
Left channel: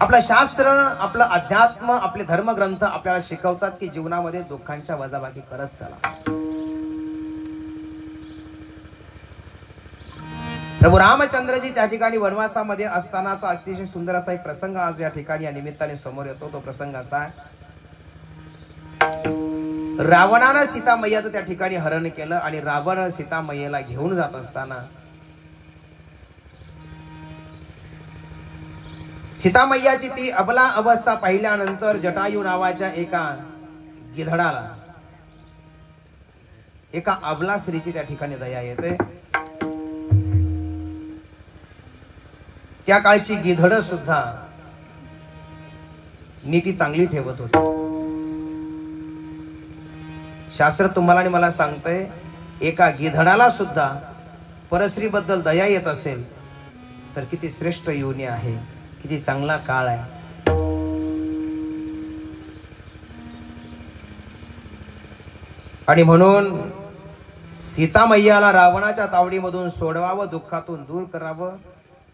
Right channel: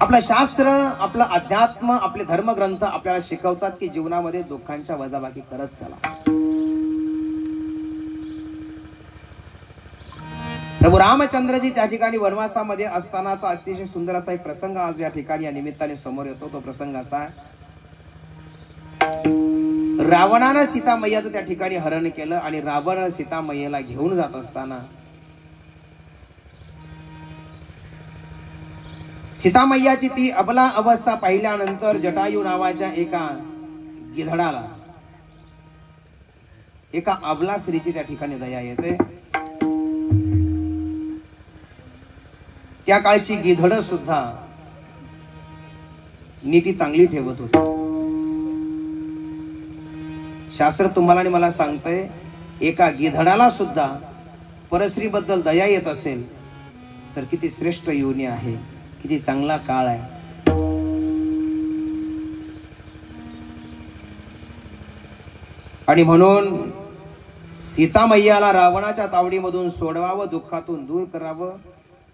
आपलं शास्त्र, आपलं अध्यात्म, आपले धर्मग्रंथ आपल्याला शिकवतात की जीवनामध्ये दुःखांच्या वजाबाकी करत चला. प्रभू रामचंद्रजी त्या ठिकाणी वनवासामध्ये असतानाचा अतिशय सुंदर असा एक प्रसंग आज या ठिकाणी या निमित्ताने समोर येतो. तो प्रसंग असा, रावणानं सीतामय्याचं त्या ठिकाणी हरण केलं आणि रावण सीतामय्याला घेऊन जात असताना सीतामय्याची ती अबला अवस्था पाहिल्यानंतर जटायू नावाच्या एका गिधडाला, एका अबला स्त्रीची त्या ठिकाणी दया येते. त्या काळची गिधड सुद्धा नीती चांगली ठेवत होती. शास्त्र तुम्हाला आणि मला सांगतंय, एका गिधडाला सुद्धा परस्त्री बद्दल दया येत असेल तर किती श्रेष्ठ योनी आहे, किती चांगला काळ आहे. आणि म्हणून सीतामय्याला रावणाच्या तावडीमधून सोडवावं, दुःखातून दूर करावं.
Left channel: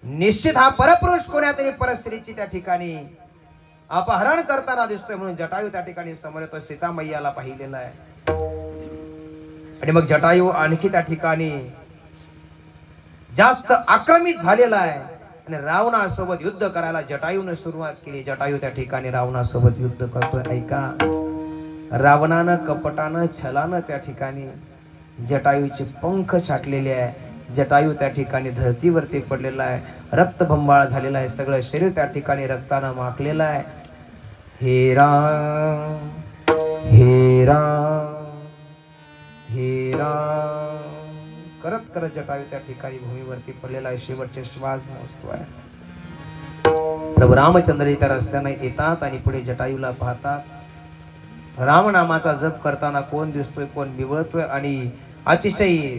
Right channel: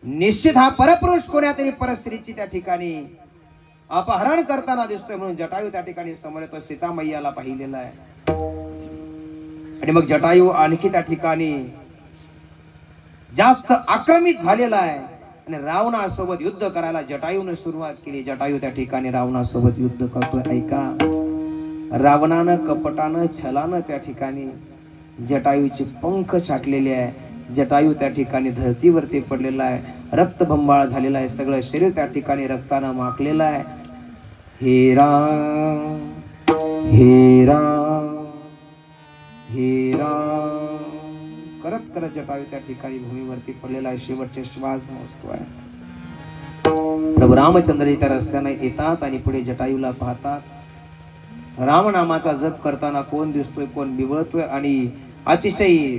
निश्चित हा परपुरुष कोण्यातरी परस्त्रीची त्या ठिकाणी अपहरण करताना दिसतोय. म्हणून जटायू त्या ठिकाणी समोर येतो, सीतामय्याला पाहिलेला आहे. आणि मग जटायू आणखी त्या ठिकाणी जास्त आक्रमित झालेला आहे आणि रावणासोबत युद्ध करायला जटायूने सुरुवात केली. जटायू त्या ठिकाणी रावणासोबत युद्ध करतोय. ऐका, रावणानं कपटानं, छलानं त्या ठिकाणी जटायूचे पंख छाटलेले आहे. जटायू त्या ठिकाणी धरतीवरती पडलेला आहे, रक्तबंबाळ झालेला आहे, सगळं शरीर त्या ठिकाणी रक्तानं माखलेलं आहे. हे राम, हे राम, हे राम करत करत जटायू त्या ठिकाणी भूमीवरती पडलेला आहे, शेवटचे श्वास मोजतोय. प्रभू रामचंद्र त्या रस्त्याने येतात आणि पुढे जटायूला पाहतात. राम नामाचा जप करताना कोण दिसतोय, कोण बिवळतोय आणि अतिशय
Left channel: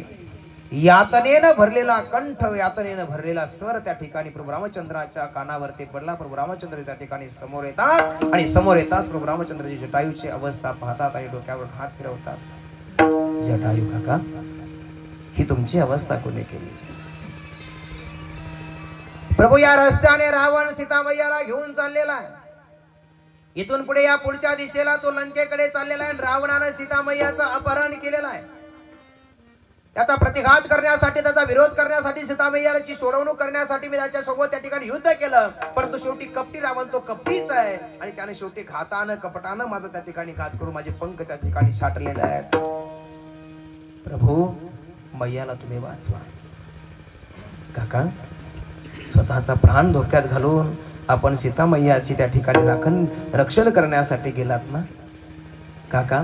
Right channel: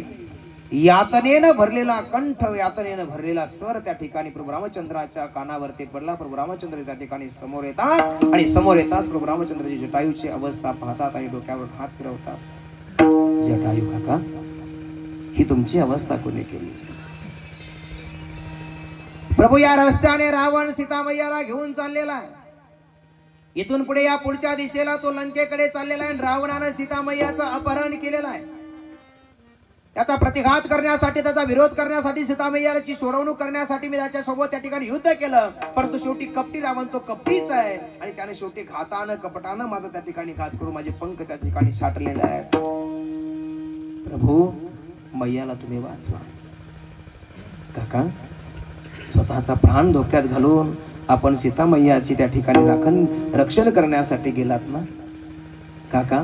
यातनेनं भरलेला कंठ, यातनेनं भरलेला स्वर त्या ठिकाणी प्रभू रामचंद्राच्या कानावरती पडला. प्रभू रामचंद्र त्या ठिकाणी समोर येतात आणि समोर येताच प्रभू रामचंद्रजी जटायूची अवस्था पाहतात आणि डोक्यावर हात फिरवतात. जटायू काका, ही तुमची अवस्था कोणी केली? प्रभू, या रस्त्याने रावण सीतामैयाला घेऊन चाललेला आहे. इथून पुढे या पुढच्या दिशेला तो लंकेकडे चाललेला आहे. रावणाने सीतामैयाचं अपहरण केलेलं आहे. त्याचा प्रतिघात करण्यासाठी, त्याचा विरोध करण्यासाठी, सीतामैयाची सोडवणूक करण्यासाठी मी त्याच्या सोबत त्या ठिकाणी युद्ध केलं. परंतु शेवटी कपटी रावण तो कपटीच आहे आणि त्याने शेवटी घातानं कपटानं माझा त्या ठिकाणी घात करून माझे पंख त्या ठिकाणी छाटलेले आहेत. प्रभू, मैयाला तुम्ही वाचवा. काका, स्वतःचा प्राण धोक्यात घालून आपण सीतामैयाची त्या ठिकाणी रक्षण करण्यासाठी गेलात ना काका?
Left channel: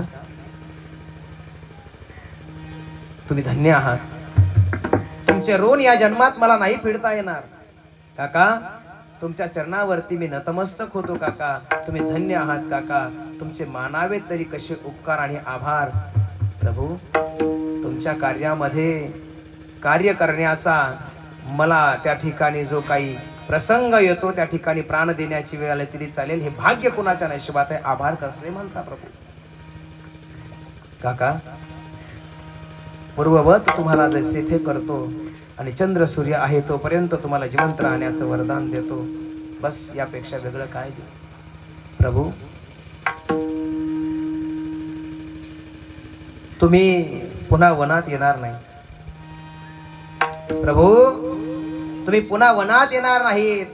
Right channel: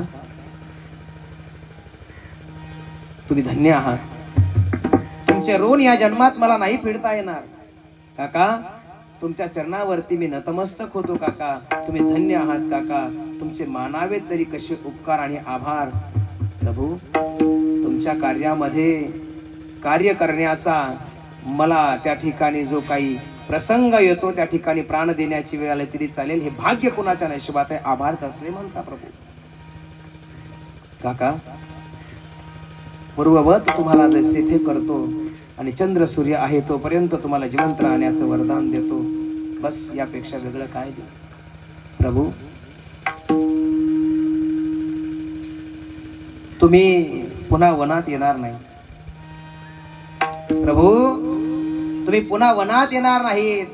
तुम्ही धन्य आहात. तुमचे ऋण या जन्मात मला नाही फेडता येणार. काका, तुमच्या चरणावरती मी नतमस्तक होतो. काका, तुम्ही धन्य आहात. काका, तुमचे मानावे तरी कसे उपकार आणि आभार. प्रभू, तुमच्या कार्यामध्ये कार्य करण्याचा मला त्या ठिकाणी जो काही प्रसंग येतो त्या ठिकाणी प्राण देण्याची वेळ आली तरी चालेल. हे भाग्य कोणाच्या नशिबात आहे? आभार कसले म्हणता प्रभू. काका, पूर्ववत तुम्हाला जसे ते करतो आणि चंद्र सूर्य आहे तोपर्यंत तुम्हाला जिवंत राहण्याचं वरदान देतो. बस, यापेक्षा वेगळं काय देऊ? प्रभू, तुम्ही पुन्हा वनात येणार नाही. प्रभू, तुम्ही पुन्हा वनात येणार नाहीत.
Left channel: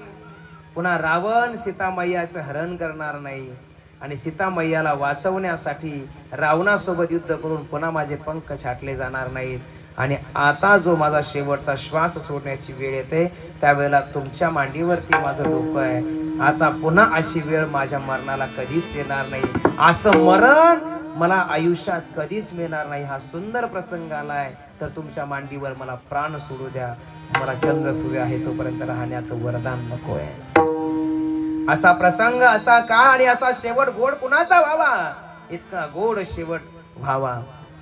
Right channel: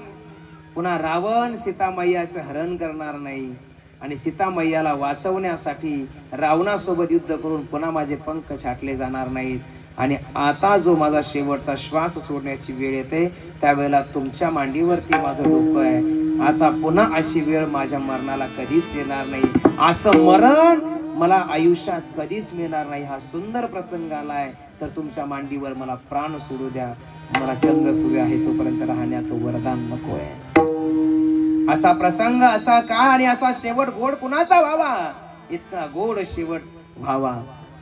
पुन्हा रावण सीतामैयाचं हरण करणार नाही आणि सीतामैयाला वाचवण्यासाठी रावणासोबत युद्ध करून पुन्हा माझे पंख छाटले जाणार नाहीत. आणि आता जो माझा शेवटचा श्वास सोडण्याची वेळ येते त्यावेळेला तुमच्या मांडीवरती माझं डोकं आहे. आता पुन्हा अशी वेळ माझ्या मरणाला कधीच येणार नाही. असं मरण मला आयुष्यात कधीच मिळणार नाही. हा सुंदर प्रसंग आलाय तर तुमच्या मांडीवर मला प्राण सोडू द्या. मला चंद्र सूर्य आहे तोपर्यंत राहण्याचं वरदान नको आहे. असा प्रसंग, असा काळ आणि असा शेवट गोड कुणाचा व्हावा? इतका गोड शेवट व्हावा,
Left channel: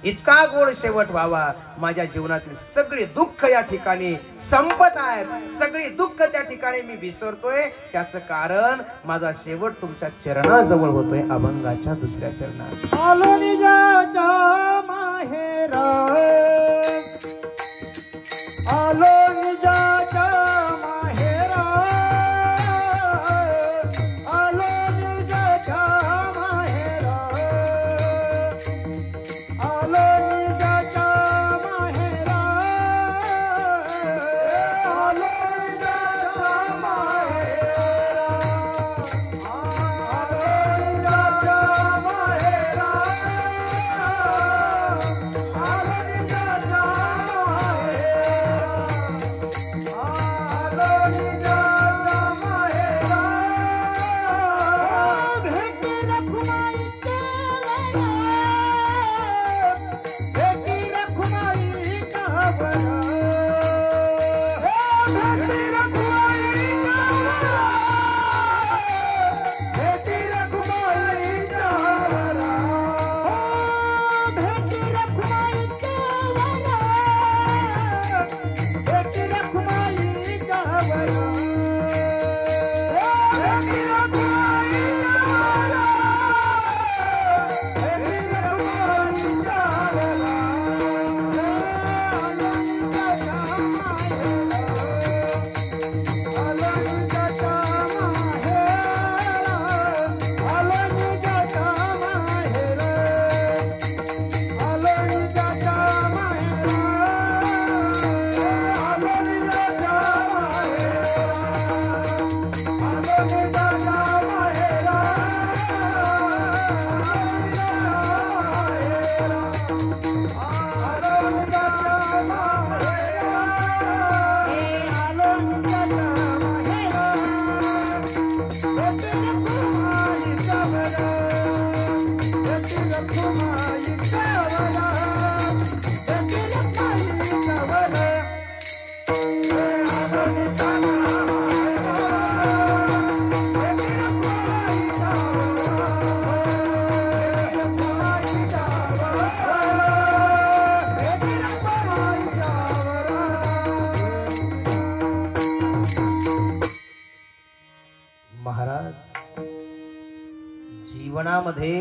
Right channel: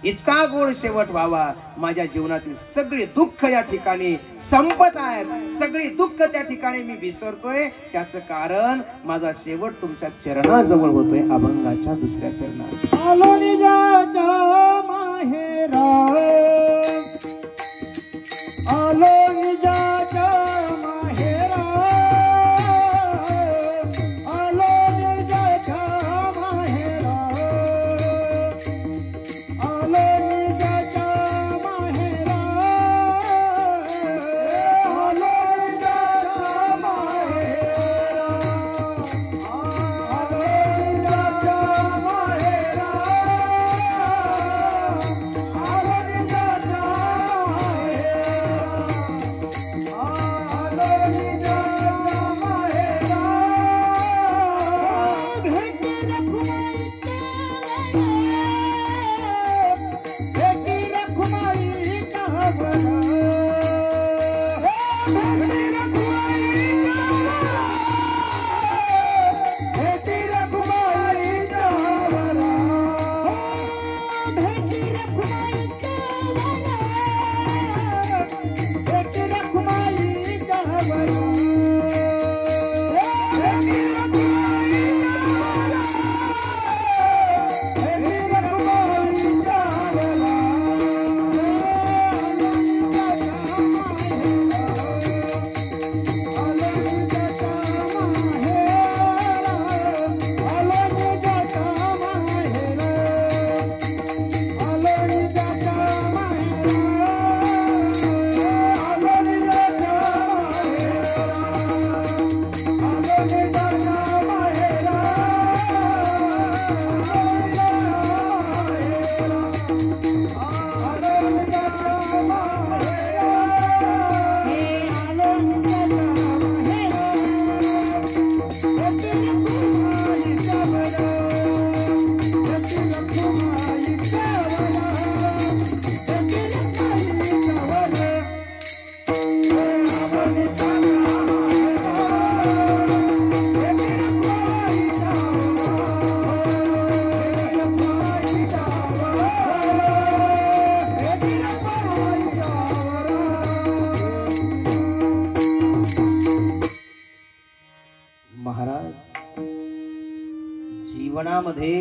इतका गोड शेवट व्हावा. माझ्या जीवनातील सगळे दुःख या ठिकाणी संपत आहेत. सगळी दुःख त्या ठिकाणी मी विसरतोय. त्याचं कारण माझा शेवट तुमच्या चरणाजवळ होतोय, अभंगाच्या दुसऱ्या चरणात. आलो निजाच्या माहेरा, आलो निजाच्या माहेरा, आलो निजाच्या माहेरा, आलो निजाच्या माहेरा, आलो निजाच्या जीवनामध्ये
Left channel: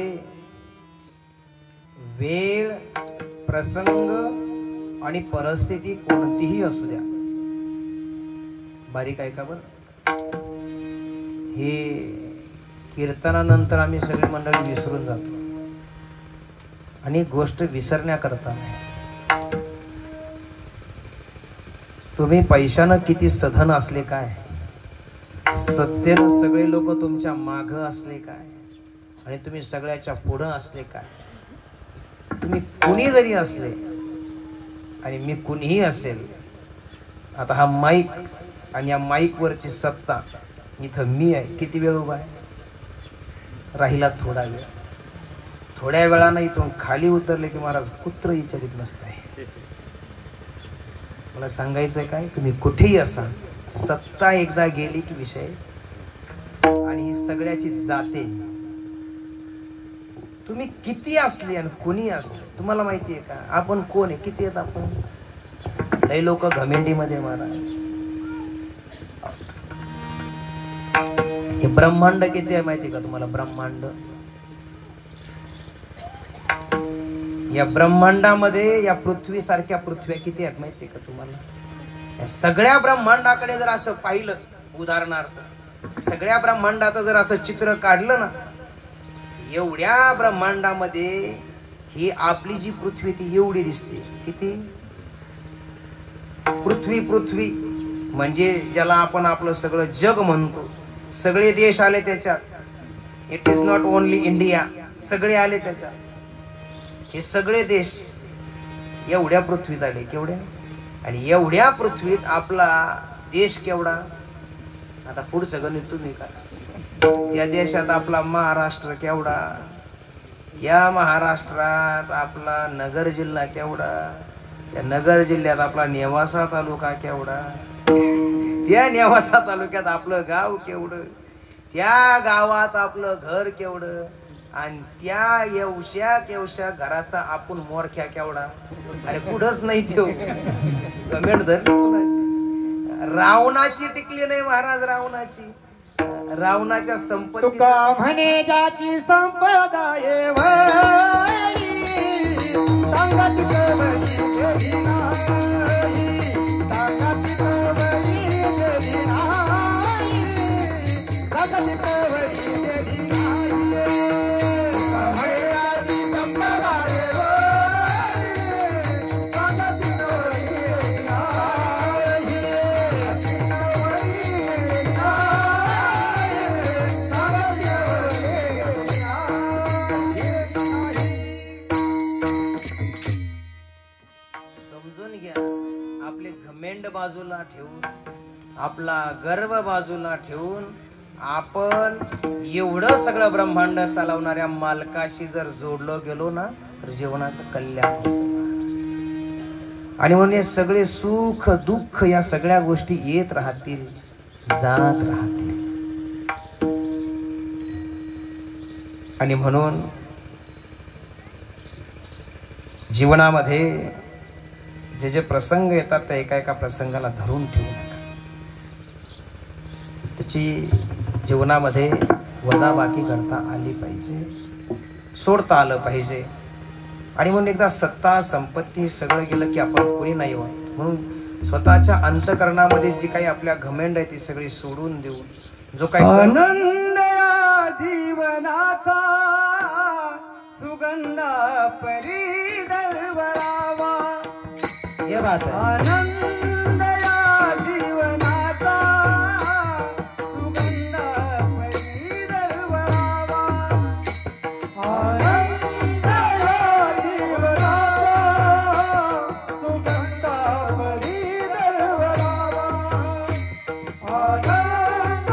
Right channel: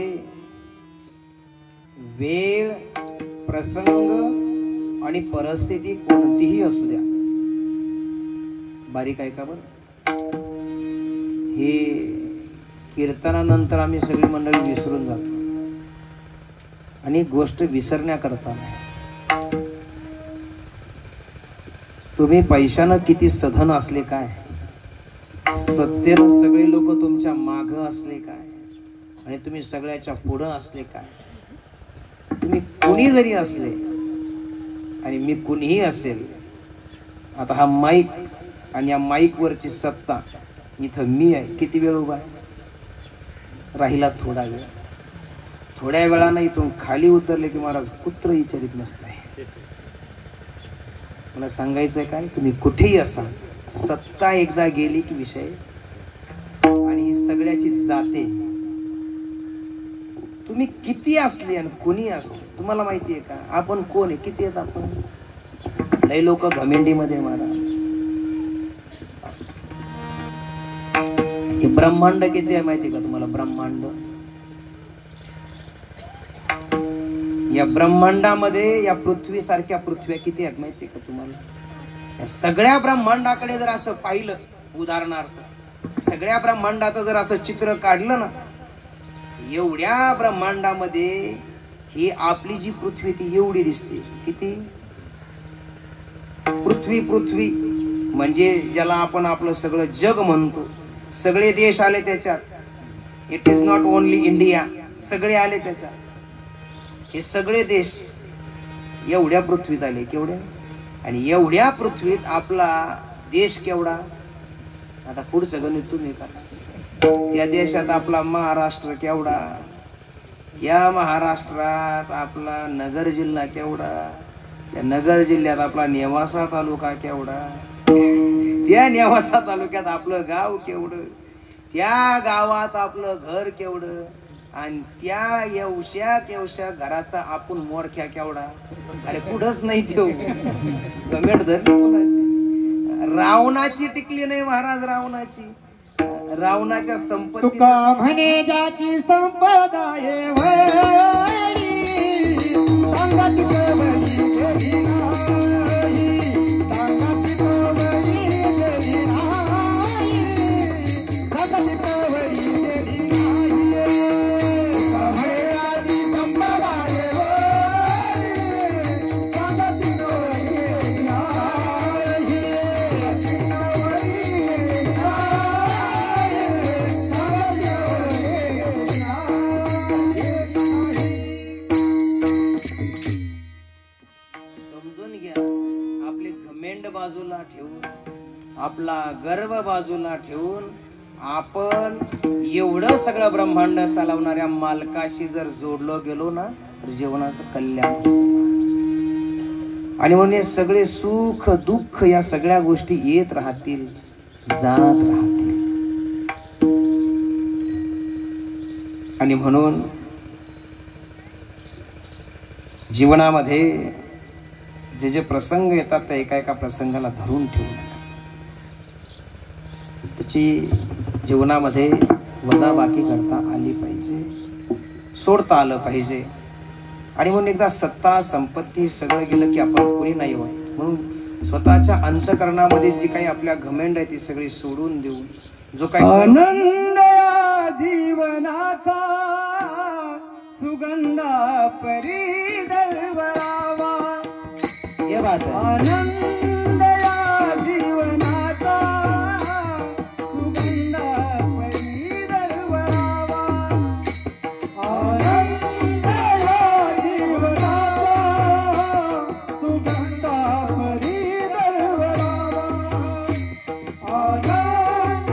वेळ, प्रसंग आणि परिस्थिती कोणतीही असू द्या, बारीक ऐका बरं, हे कीर्तनानंतर आम्ही सगळी मंडळी विसरून जातो आणि गोष्ट विसरण्याकरता तुम्ही पैशानं किती सधन असले काय, सत्तेनं सगळे लोक तुमच्या माग असले काय, आणि तुम्ही सगळ्याच्या पुढं असले काय, तुम्ही कुणी जरी असले आणि मी कुणीही असेल, आता हा माईक आणि या माईक वरची सत्ता इथं मी आहे, किती वेळ उभा आहे, राहिला थोडा वेळ, थोड्या वेळानं इथून खाली उतरले की महाराज कुत्र विचारित नसते. मला सांगायचंय काय, तुम्ही कुठेही असा, सत्ता एकदा गेली की विषय, आणि ही सगळ्याची जाते. तुम्ही किती असले आणि कोणी असले, तुम्हाला माहिती आहे का आपण कोण आहे, किती आहेत आपण? लय लोक घमेंडीमध्ये महाराज, हे ब्रह्मांड किती आहे माहिती का तुम्हाला? ब्रह्मांड, या ब्रह्मांडामध्ये या पृथ्वी सारख्या पृथ्व्या किती आहेत माहिती का तुम्हाला? या सगळ्या ब्रह्मांडाकडे जर असं पाहिलं, उदाहरणार्थ सगळ्या ब्रह्मांडाचं जर असं चित्र काढलं ना, एवढ्या ब्रह्मांडामध्ये ही आपली जी पृथ्वी ती एवढी दिसते. किती? पृथ्वी, पृथ्वी म्हणजे ज्याला आपण आपलं सगळं जग म्हणतो, सगळे देश आले त्याच्यात. It is not only India, सगळे आले त्याच्यात. हे सगळे देश एवढ्या पृथ्वीत आले, केवढ्या? आणि एवढ्या पृथ्वीत आपला देश केवढा? आता पुढचं गणित तुम्ही करा. त्या देशात आपला महाराष्ट्र केवढा, त्या महाराष्ट्रात आपला नगर जिल्हा केवढा, त्या नगर जिल्ह्यात आपला नेवासा तालुका केवढा, त्या नेवासा तालुक्यात आपलं गाव केवढं, त्या गावात आपलं घर केवढं, आणि त्या येवश्या घराचा आपण मोरख्या केवढा. अरे कुठंच नाही देऊ, कमेंट धरली कुणाची? रावणाची टिकली नाही महाराज, रावणाची, रावणाच्या संपत्ती. तुका म्हणे ज्याची संपदा ये वरी, सांगत कवरी गेली नाही, सांगत कवरी गेली नाही, सांगत कवरी गेली नाही. तुका म्हणे ज्याची संपदा ये वरी, सांगत कवरी गेली नाही, बाजूला ठेवून, आपला गर्व बाजूला ठेवून, आपण एवढं सगळं ब्रह्मांड चालवणाऱ्या मालकाशी जर जोडलो गेलो ना, तर जीवनाचं कल्याण. आणि म्हणून सगळे सुख दुःख या सगळ्या गोष्टी येत राहतील, जात राहतील. आणि म्हणून जीवनामध्ये जे जे प्रसंग येतात त्या एका एका प्रसंगाला धरून ठेवून त्याची जीवनामध्ये वजाबाकी करता आली पाहिजे, सोडता आलं पाहिजे. आणि म्हणून एकदा सत्ता संपत्ती सगळं गेलं की आपण कोणी नाही होत. म्हणून स्वतःच्या अंतःकरणामध्ये जी काही आपल्या घमेंड आहे ती सगळी सोडून देऊन जो काही आनंद जीवनाचा सुगंध परी दरवरावा, ये बात है. आनंद जीवनाचा सुगंध परी दरवरावा, आनंद जीवनाचा सुगंध परी दरवरावा, आनंद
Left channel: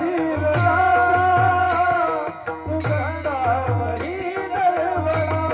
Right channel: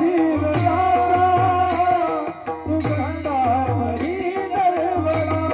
जीवनाचा सुगंध परी दरवरावा.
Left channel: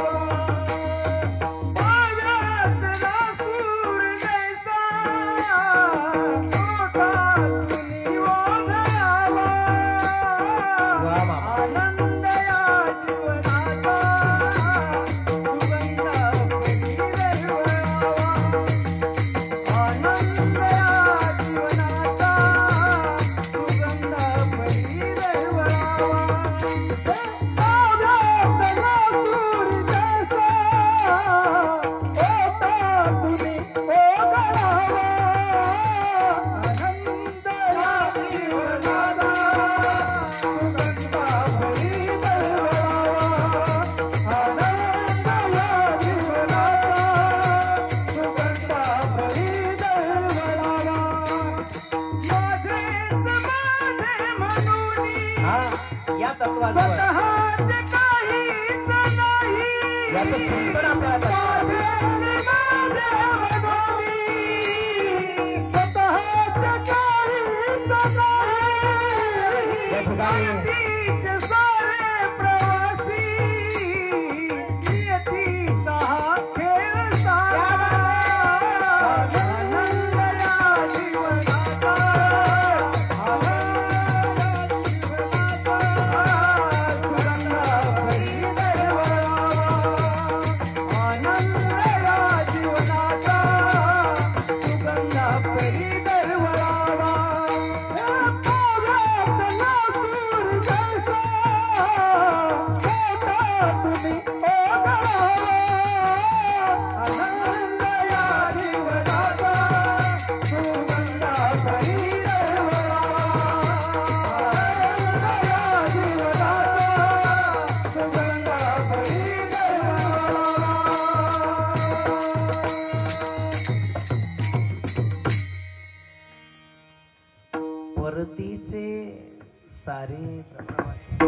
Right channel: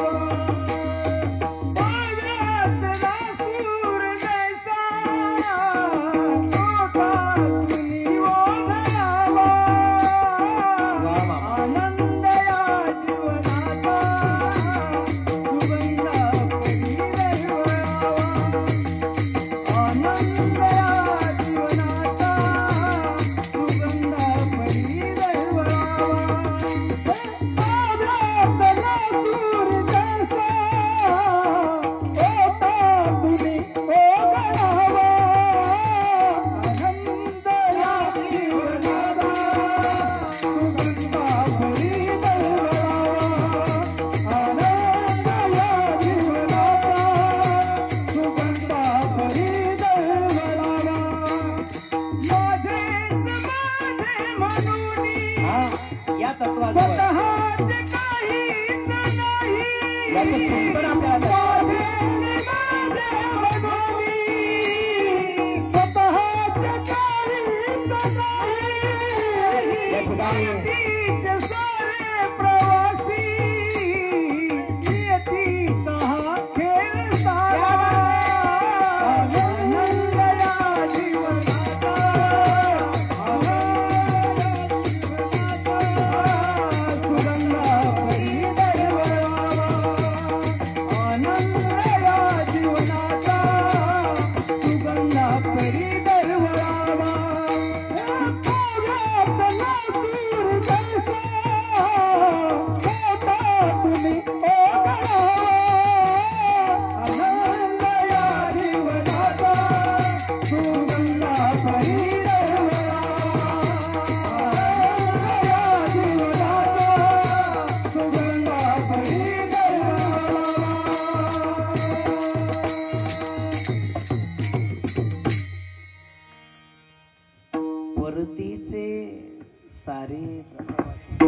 सारे प्रवासी.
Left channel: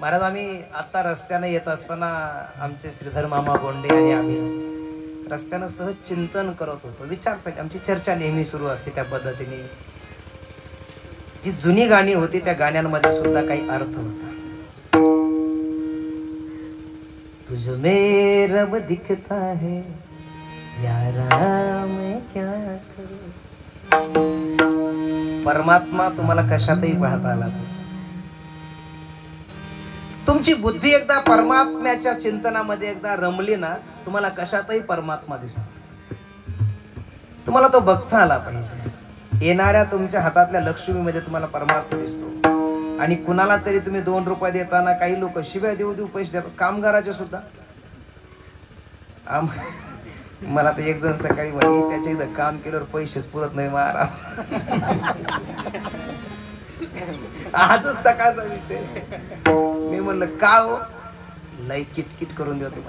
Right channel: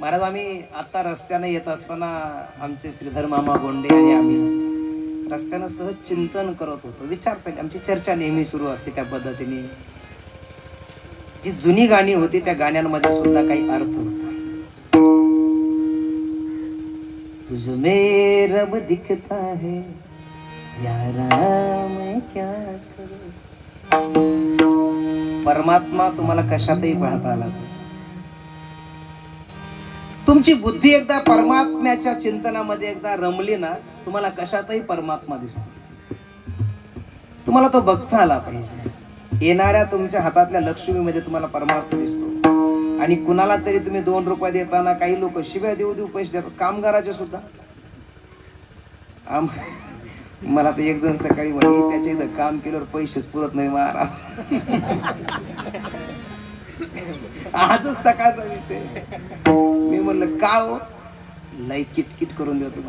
महाराज आम्ही आता रस्त्याने येत असताना आमचे श्रीधर मामा गोंडे आणि आम्ही रस्त्यानं सहज चिंतन करत होतो. विचार चालली आमची चर्चा नेहमी सुरू असते त्या पद्धतीने. जी जुनी गाणी होती त्या गाण्यांमध्ये सुद्धा काही अर्थ होता. तुझ में रब दिखता है यारा मैं क्या करूं. परमात्मा तुम्हाला कशातही पाहता आला पाहिजे. तुमची बुद्धी एकदा परमात्म्याच्या चिंतनामध्ये एकदा रमली ना तुम्हाला कशातही परमात्मा दिसतो. तुम्हाला तो बघता आला पाहिजे. येणाऱ्या तुमच्या हातातल्या लक्ष्मीमध्ये तुम्हाला परमात्मा दिसतो. आणि कुणाला तरी तुम्ही 2 रुपये देताना काही लोक शिव्या देऊ देऊ पैसे देतात. कामगाराचे सुद्धा. मला तर एक जण सकाळी म्हणे त्याच्या इथं काम केल्यावर पैसेच पुरत नाही महाराज. आजच सकाळचा विषय. मी म्हणलं का हो. लय किटकिट करून देतो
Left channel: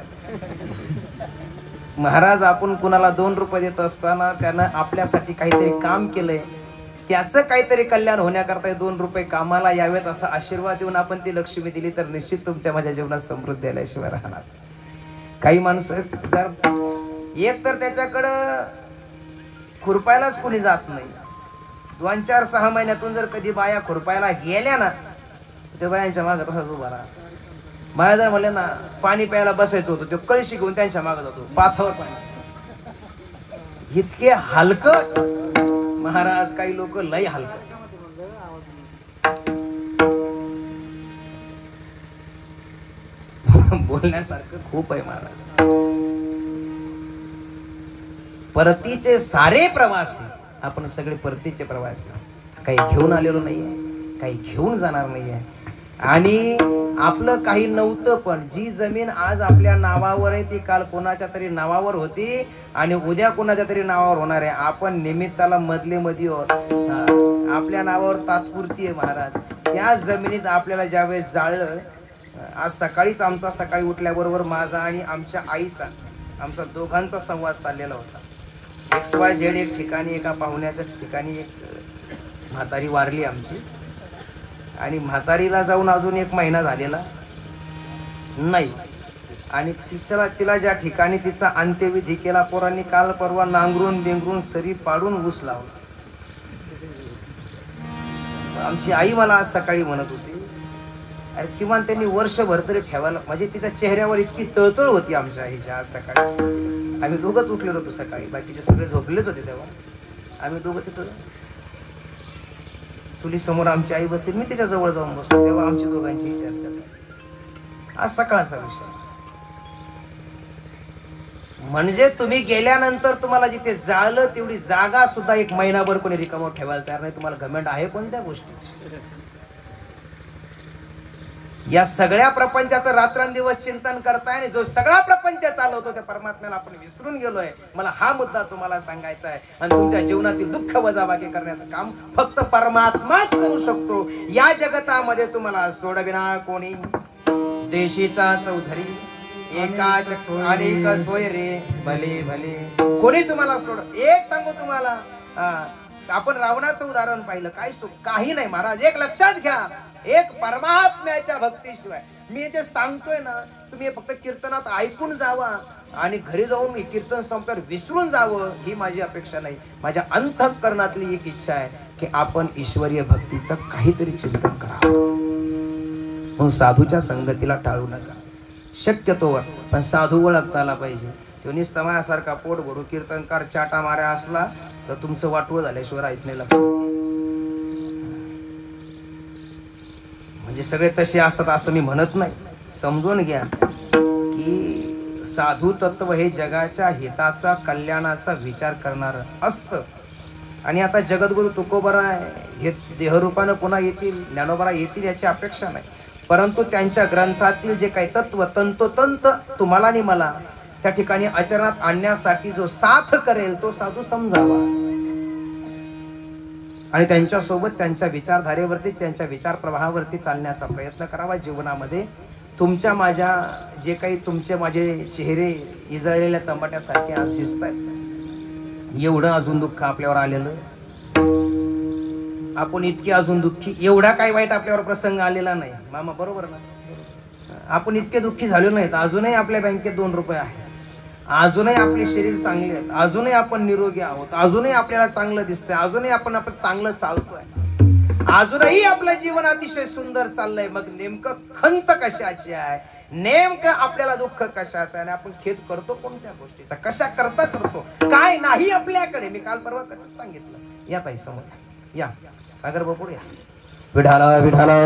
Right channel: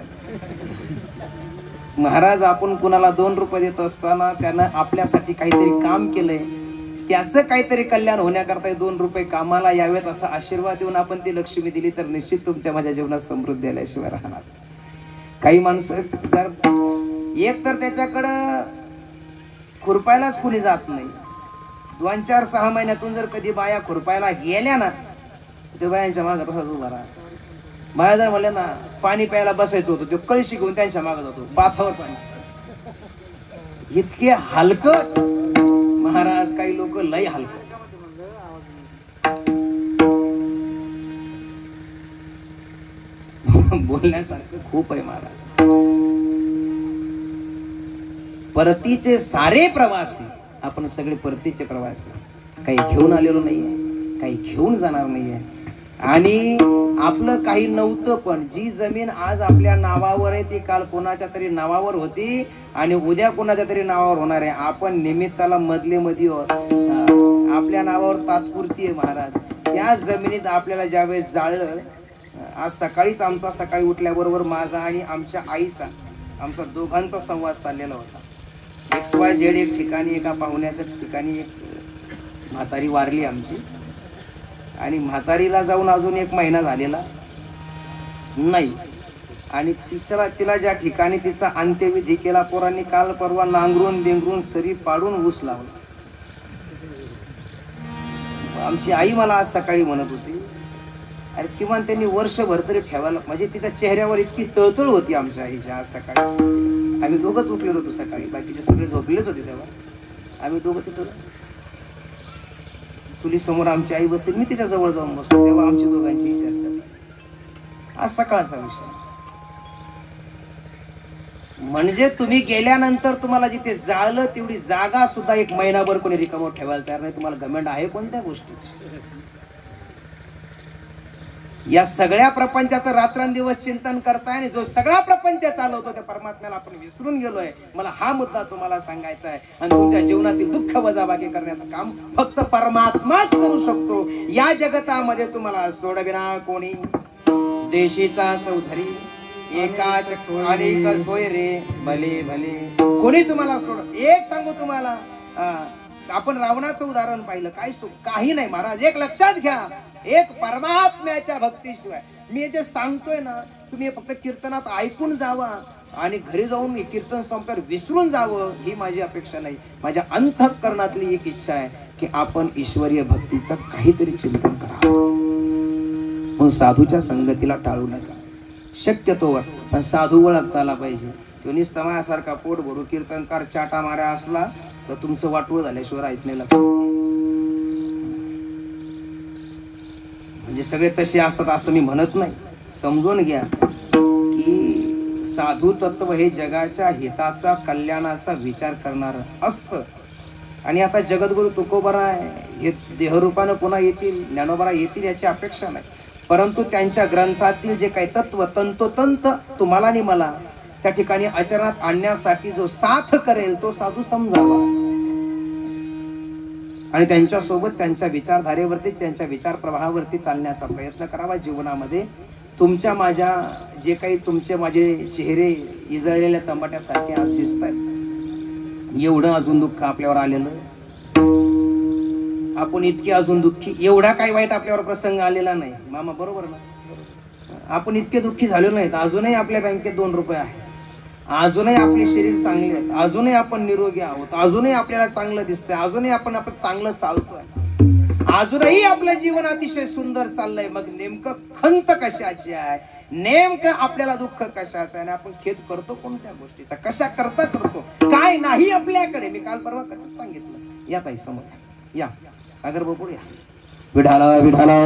महाराज. आपण कुणाला 2 रुपये देत असताना त्यानं आपल्यासाठी काहीतरी काम केलंय. त्याचं काहीतरी कल्याण होण्याकरता 2 रुपये कामाला यावेत असा आशीर्वाद देऊन आपण ती लक्ष्मी दिली तर निश्चित तुमच्या माझ्या जीवनात समृद्धी आल्याशिवाय राहणार. काही माणसं जर एक तर त्याच्याकडं खुरपायलाच कुणी जात नाही. 2-4-6 महिन्यातून जर कधी बाया खुरपायला गेल्या ना त्या बायांच्या मागे तसाच उभा राहा. बाया जर म्हणले ना पाणी प्यायला बसायचं होतं ते कळशी घेऊन त्यांच्या मागे जातो. पाथावर पाणी. इतके हलकट महाराज. काही लोक लय हलकट. बोलण्यासारखं खूप आहे महाराज. परतीचे सारे प्रवासी. आपण सगळे परतीचे प्रवासी. काही घेऊन आलेलो नाहीये. काही घेऊन जाणार नाहीये. आणि आपलं काही नव्हतं पण जी जमीन आज आपल्या नावावर आहे ती काल कोणाच्या तरी नावावर होती आणि उद्या कोणाच्या तरी नावावर होणार आहे. आपण निमित्ताला मधले मध्ये आपल्या नावावर तात्पुरती आहे महाराज. त्या जमिनीत आपल्याला ज्यावेळेस जाळलं. आज सकाळीच आमचा सकाळी उठल्याबरोबर माझा आणि आमच्या आईचा आमचा दोघांचा संवाद चाललेला होता. XYZ एक ठिकाणी एका पाहुण्याच्या ठिकाणी एक म्हातारी वारली आमची. आणि म्हातारीला जाऊन अजून 1 महिना झालेला नाही. आणि तिला ज्या ठिकाणी तिचा अंत्यविधी केला पोरांनी काल परवा नांगरून बेंगरून सरी पाडून ऊस लावला. आमची आई मला आज सकाळी म्हणत होती अरे किमान त्यांनी वर्षभर तरी ठेवायला. म्हणजे तिच्या चेहऱ्यावर इतकी तळतळ होती आमच्या आईच्या. आज सकाळी आम्ही दोघंच उठलेलो होतो सकाळी. बाकीचे सगळे झोपलेच होते तेव्हा. आम्ही दोघं तिथं चुली समोर आमची आई बसली. मी तिच्या जवळ जाऊन बसलो. तेव्हा आमची दोघांची चर्चा. आज सकाळचा विषय. म्हणजे तुम्ही गेल्यानंतर तुम्हाला जिथे जाळलं तेवढी जागा सुद्धा 1 महिनाभर कोणी रिकामं ठेवायला तयार नाही. तुम्हाला घमंड आहे कोणत्या गोष्टीची. या सगळ्या प्रपंचाचं रात्रंदिवस चिंतन करताय आणि जो सगळा प्रपंच चालवतो त्या परमात्म्याला आपण विसरून गेलोय. मला हा मुद्दा तुम्हाला सांगायचा आहे. आणि तुमच्या जीवनातील दुःख वजाबाकी करण्याचं काम फक्त परमात्माच करू शकतो. या जगतामध्ये तुम्हाला सोडविना कोणी. देशीचा चौधरी एकाच अनेक सोय रे भले भले. कोणी तुम्हाला सोड. एक सांगू तुम्हाला. आपण रावणाचं उदाहरण पाहिलं. काय काही नाही महाराज. एक लक्षात घ्या. एक परमात्म्याच्या भक्तीशिवाय मी जे सांगतोय ना तुम्ही फक्त कीर्तनात ऐकून जावा आणि घरी जाऊन मी कीर्तन संपल्यावर विसरून जावं ही माझी अपेक्षा नाही. माझ्या अंतःकरणातली एक इच्छा आहे की आपण ईश्वरीय भक्तीचं काहीतरी चिंतन करावं. साधूच्या संगतीला टाळू नका शक्यतोवर. पण साधू ओळखता आला पाहिजे. तो निस्तमयासारखा पोट भरू कीर्तनकार चाटा माऱ्या असला तर तुमचं वाटवं झाल्याशिवाय राहायचं नाही. म्हणजे सगळे तसे असतात असं मी म्हणत नाही. समजून घ्या की साधू तत्व हे जगाच्या हिताचा कल्याणाचा विचार करणार असतं. आणि आता जगद्गुरु तुकोबरा हे देहरूपानं पुन्हा येतील ज्ञानोबरा येतील याची अपेक्षा नाही. परंतु त्यांच्या ग्रंथातील जे काही तत्व तंतोतंत तुम्हाला आणि मला त्या ठिकाणी आचरणात आणण्यासाठी जो साथ करेल तो साधू समजावा. आणि त्यांच्यासोबत त्यांच्या विचारधारेवरती त्यांच्या विचार प्रवाहावरती चालण्याचा प्रयत्न करावा. जीवनामध्ये तुमच्या माझ्या जे काही तुमचे माझे चेहरे इजळलेल्या तंबाट्यासारखे आज दिसत आहेत. एवढं अजून दुःख आपल्यावर आलेलं आपण इतके अजून दुःखी, एवढा काय वाईट आपल्यावर प्रसंग आलेला नाही मामा, बरोबर ना? आपण इतके दुःखी झालो नाहीत, अजूनही आपल्या बँकेत 2 रुपये आहे, अजूनही आपले शरीर चांगले आहेत, अजूनही आपण निरोगी आहोत, अजूनही आपल्याला चांगलं दिसतंय, अजूनही आपण चांगलं चालतोय, अजूनही आपलं जीवन अतिशय सुंदर चाललंय. मग नेमकं खंत कशाची आहे, नेमकं आपल्याला दुःख कशाचं आहे, आणि आपण खेद करतो कोणत्या गोष्टीचा, कशा करता करतो, काय नाही आपल्याकडे. मी काल परवा कसं सांगितलं, या ताई समोर या, सागर बापू या. विठाला विठाला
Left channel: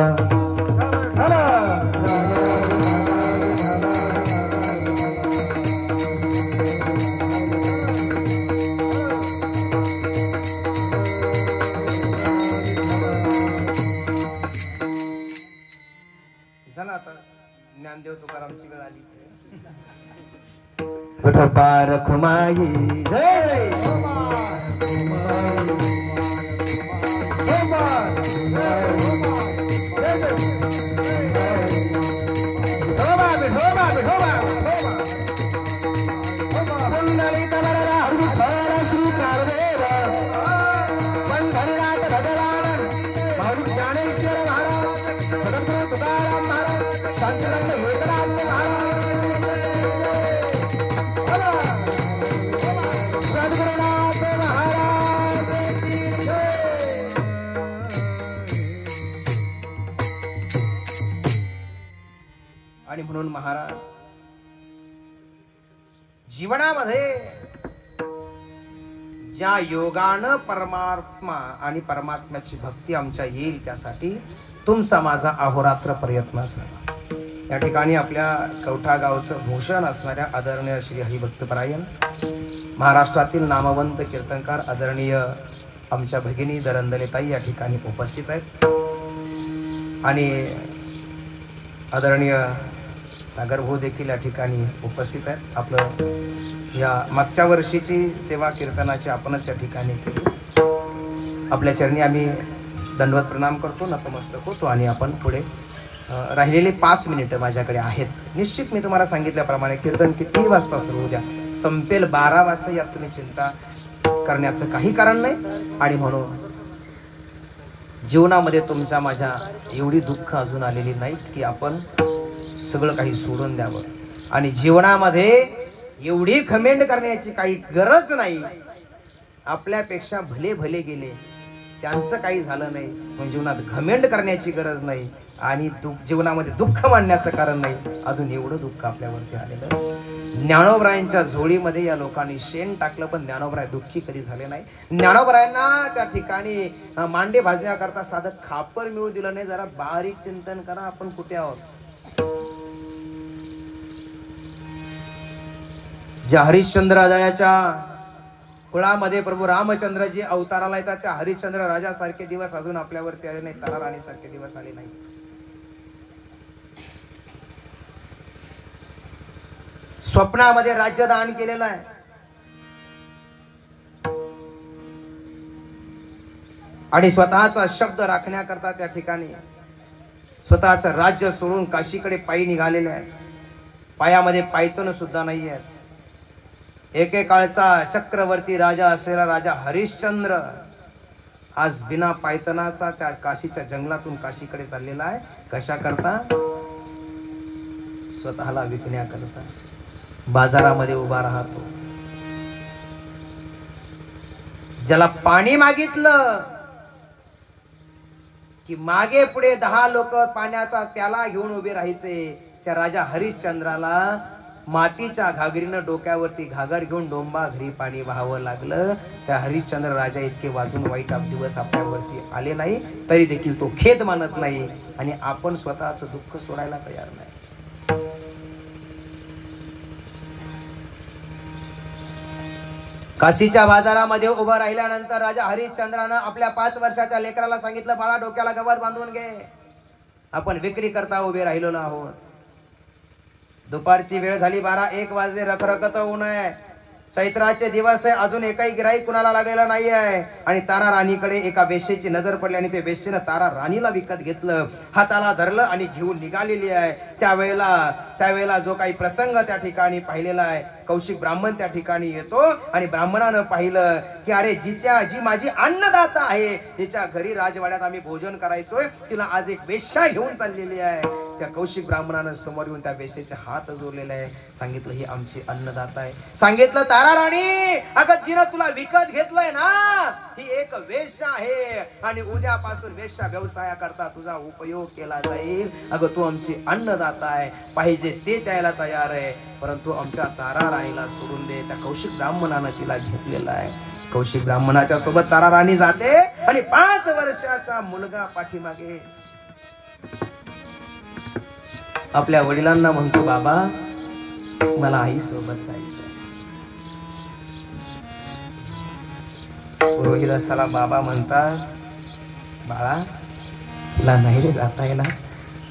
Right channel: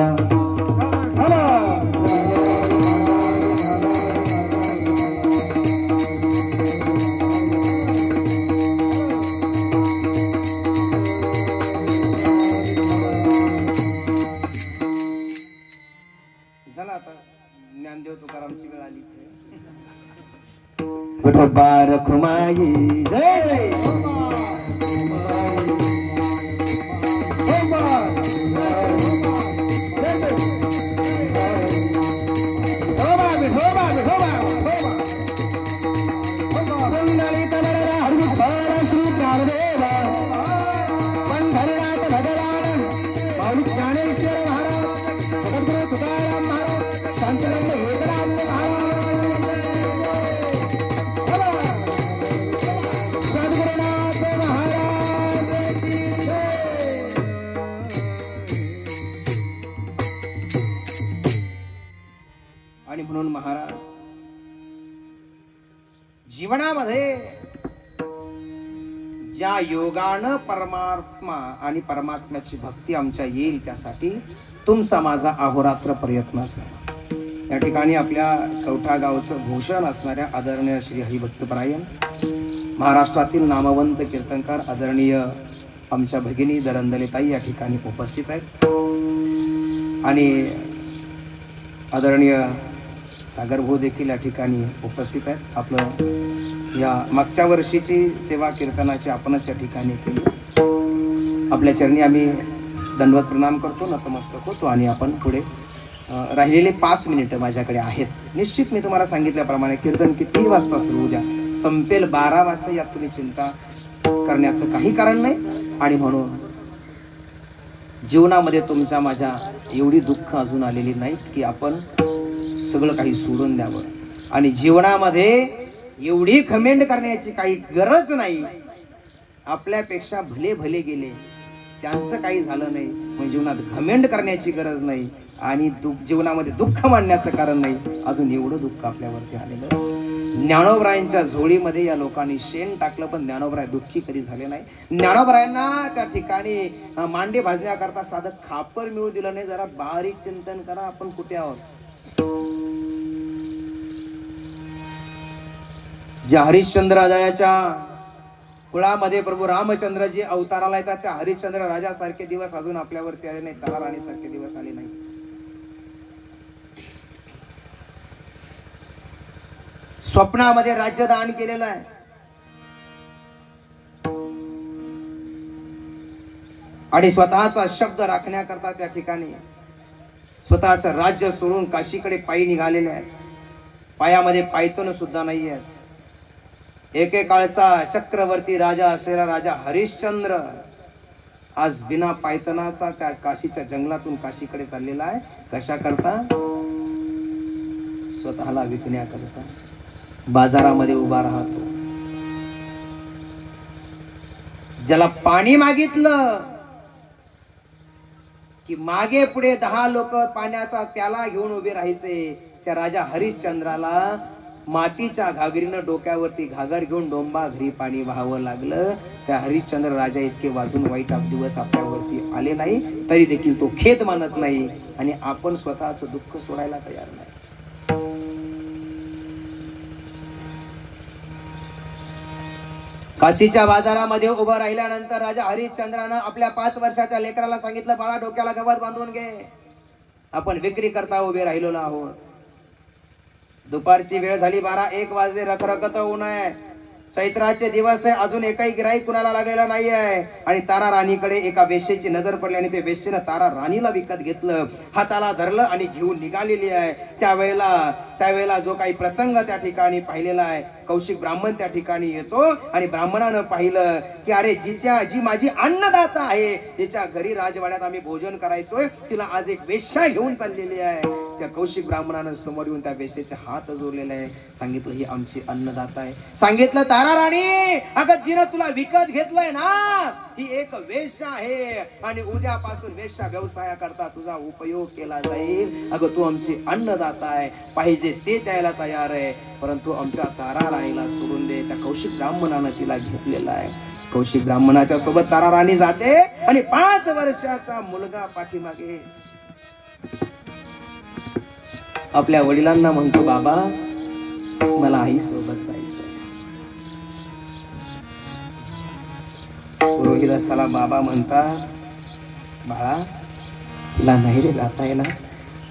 ज्ञानदेव तुकारामची वेळ आली. विठोबा रखुमाई जय जय. आणि म्हणून महाराज जीवनामध्ये ज्या योगानं परमात्मा आणि परमात्म्याची भक्ती आमच्या येईल त्यासाठी तुमचा माझा अहोरात्र प्रयत्न असेल. या ठिकाणी आपल्या कवठा गावचं भूषण असणाऱ्या आदरणीय श्री हरिभक्तपरायण महाराष्ट्रातील नामवंत कीर्तनकार आदरणीय आमच्या भगिनी दरंदलेताई या ठिकाणी उपस्थित आहेत. आणि आदरणीय सागर भाऊ देखील या ठिकाणी उपस्थित आहेत. आपलं या मागच्या वर्षीची सेवा कीर्तनाची आपणच या ठिकाणी केली. आपल्या चरणी आम्ही दंडवत प्रणाम करतो, नतमस्तक होतो आणि आपण पुढे राहिलेले 5 मिनिटं माझ्याकडे आहेत. निश्चित मी तुम्हाला सांगितल्याप्रमाणे कीर्तन किती वाजता सुरू द्या, संपेल 12 वाजता, यात तुम्ही चिंता करण्याचं काही कारण नाही. आणि म्हणून जीवनामध्ये तुमच्या माझ्या एवढी दुःख अजून आलेली नाहीत की आपण सगळं काही सोडून द्यावं, आणि जीवनामध्ये एवढी घमेंड करण्याची काही गरज नाही. आपल्यापेक्षा भले भले गेले, त्यांचं काही झालं नाही, म्हणजे जीवनात घमेंड करण्याची गरज नाही, आणि जीवनामध्ये दुःख मानण्याचं कारण नाही. अजून एवढं दुःख आपल्यावरती आलेलं. ज्ञानोबरायांच्या झोळीमध्ये या लोकांनी शेण टाकलं, पण ज्ञानोबराय दुःखी कधी झाले नाही. ज्ञानोबरायांना त्या ठिकाणी मांडे भाजण्याकरता साधं खापर मिळू दिलं नाही. जरा बारीक चिंतन करा, आपण कुठे आहोत. ज्या हरिश्चंद्र राजाच्या कुळामध्ये प्रभू रामचंद्रजी अवताराला येतात, त्या हरिश्चंद्र राजासारखे दिवस अजून आपल्यावरती आले नाही, तला राणीसारखे दिवस आले नाही. स्वप्नामध्ये राज्य दान केलेलं आहे, आणि स्वतःचा शब्द राखण्याकरता त्या ठिकाणी स्वतःचं राज्य सोडून काशीकडे पायी निघालेले आहेत. पायामध्ये पायतन सुद्धा नाहीये. एकेकाळचा चक्रवर्ती राजा असलेला राजा हरिश्चंद्र आज बिना पायतनाचा त्या काशीच्या जंगलातून काशीकडे चाललेला आहे. कशा करता? स्वतःला विकण्याकरता बाजारामध्ये उभा राहतो. ज्याला पाणी मागितलं की मागे पुढे 10 लोक पाण्याचा त्याला घेऊन उभे राहायचे. त्या राजा हरिश्चंद्राला मातीच्या घागरीनं डोक्यावरती घागर घेऊन डोंबा घरी पाणी व्हावं लागलं. त्या हरिश्चंद्र राजा इतके वाजून वाईट दिवस आपल्यावरती आले नाही, तरी देखील तो खेद मानत नाही, आणि आपण स्वतःच दुःख सोडायला तयार नाही. काशीच्या बाजारामध्ये उभं राहिल्यानंतर राजा हरिश्चंद्रानं आपल्या 5 वर्षाच्या लेकराला सांगितलं, बाळा डोक्याला गवत बांधून घे, आपण विक्री करता उभे राहिलो ना आहोत. दुपारची वेळ झाली, 12-1 वाजले, रखरखत ऊन आहे, चैत्राचे दिवस आहे, अजून एकही गिराईक कुणाला लागलेला नाही आहे. आणि तारा राणीकडे एका वेश्येची नजर पडली, आणि ते वेश्येनं तारा राणीला विकत घेतलं, हाताला धरलं आणि घेऊन निघालेली आहे. त्यावेळेला त्यावेळेला जो काही प्रसंग त्या ठिकाणी पाहिलेला आहे, कौशिक ब्राह्मण त्या ठिकाणी येतो आणि ब्राह्मणानं पाहिलं की अरे जी माझी अन्नदाता आहे, तिच्या घरी राजवाड्यात आम्ही भोजन करायचोय, तिला आज एक वेश्या घेऊन चाललेली आहे. त्या कौशिक ब्राह्मणानं समोर येऊन त्या वेश्येचे हात जोडलेले आहे. सांगितलं ही आमची अन्नदाता आहे. सांगितलं तारा राणी, अगं जिनं तुला विकत घेतलंय ना, ही एक वेश्या आहे आणि उद्यापासून वेश्या व्यवसायाकरता तुझा उपयोग केला जाईल. अगं तू आमची अन्नदाता आहे, पाहिजे ते द्यायला तयार आहे, परंतु आमच्या तारा राणीला सोडून दे. त्या कौशिक ब्राह्मणानं तिला घेतलेला आहे. कौशिक ब्राह्मणाच्या सोबत तारा राणी जाते आणि 5 वर्षाचा मुलगा पाठीमागे आपल्या वडिलांना म्हणतो, बाबा मला आई सोबत जायचं. रोहिदासाला बाबा म्हणतात, बाळा तुला नाही रे जाता येणार,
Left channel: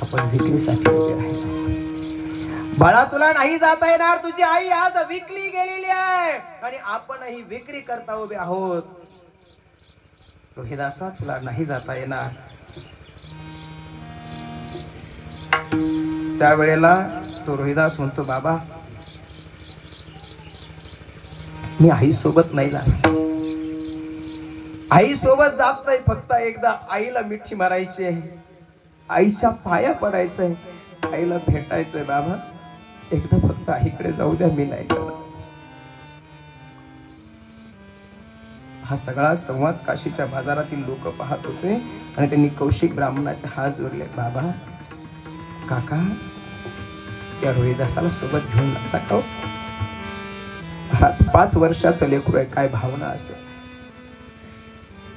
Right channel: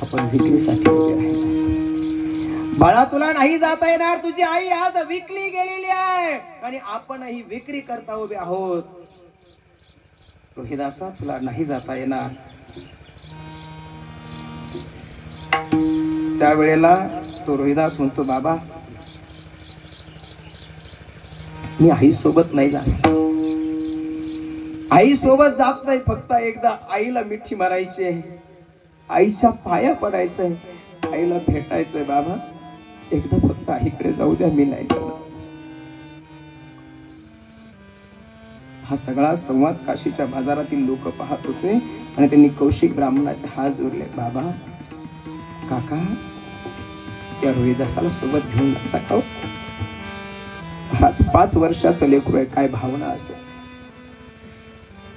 आपण विक्रीसाठी उभे राहिलो. बाळा तुला नाही जाता येणार, तुझी आई आज विकली गेलेली आहे आणि आपणही विक्री करता उभे आहोत. रोहिदासा तुला नाही जाता येणार. त्यावेळेला तो रोहिदास म्हणतो, बाबा मी आई सोबत नाही जात, आई सोबत जात नाही, फक्त एकदा आईला मिठी मारायची, आईच्या पाया पडायचंय, आईला भेटायचंय. बाबा एकदा फक्त आईकडे जाऊ द्या, मी नाही जाणार. हा सगळा संवाद काशीच्या बाजारातील लोक पाहत होते आणि त्यांनी कौशिक ब्राह्मणाचे हात जोडले. बाबा काका या रोहिदासाला सोबत घेऊन जाता हो, आज 5 वर्षाचं लेकरू आहे, काय भावना असेल.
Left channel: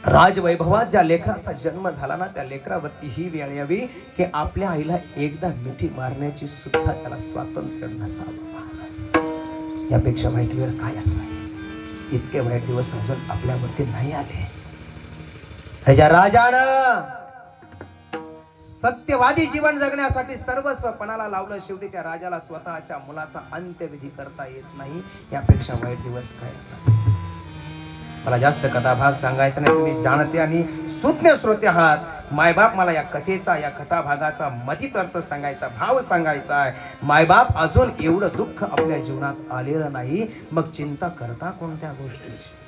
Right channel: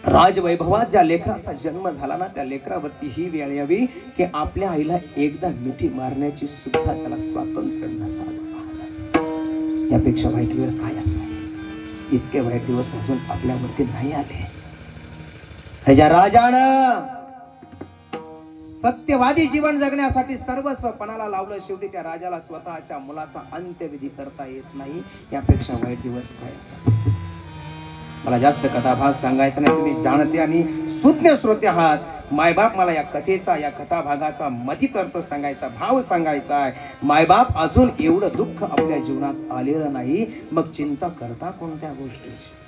राजवैभवात ज्या लेकराचा जन्म झाला ना, त्या लेकरावरती ही वेळ यावी की आपल्या आईला एकदा मिठी मारण्याची सुद्धा त्याला स्वातंत्र्य नसावं. यापेक्षा वाईट वेळ काय असेल. इतके वाईट दिवस अजून आपल्यावरती नाही आले. ह्याच्या राजानं सत्यवादी जीवन जगण्यासाठी सर्वस्व पणाला लावलं. शेवटी त्या राजाला स्वतःच्या मुलाचा अंत्यविधी करता येत नाही. यापेक्षा वाईट दिवस काय असेल. मला जास्त कथाभाग सांगायचा नाही, तुम्ही जाणते आणि सुज्ञ श्रोते आहात. मायबाप मला या कथेचा, या कथाभागाचा मतित अर्थ सांगायचा, भाव सांगायचा आहे. मायबाप अजून एवढं दुःख आपल्या जीवनात आलेलं नाही, मग चिंता करता कोणत्या गोष्टीची.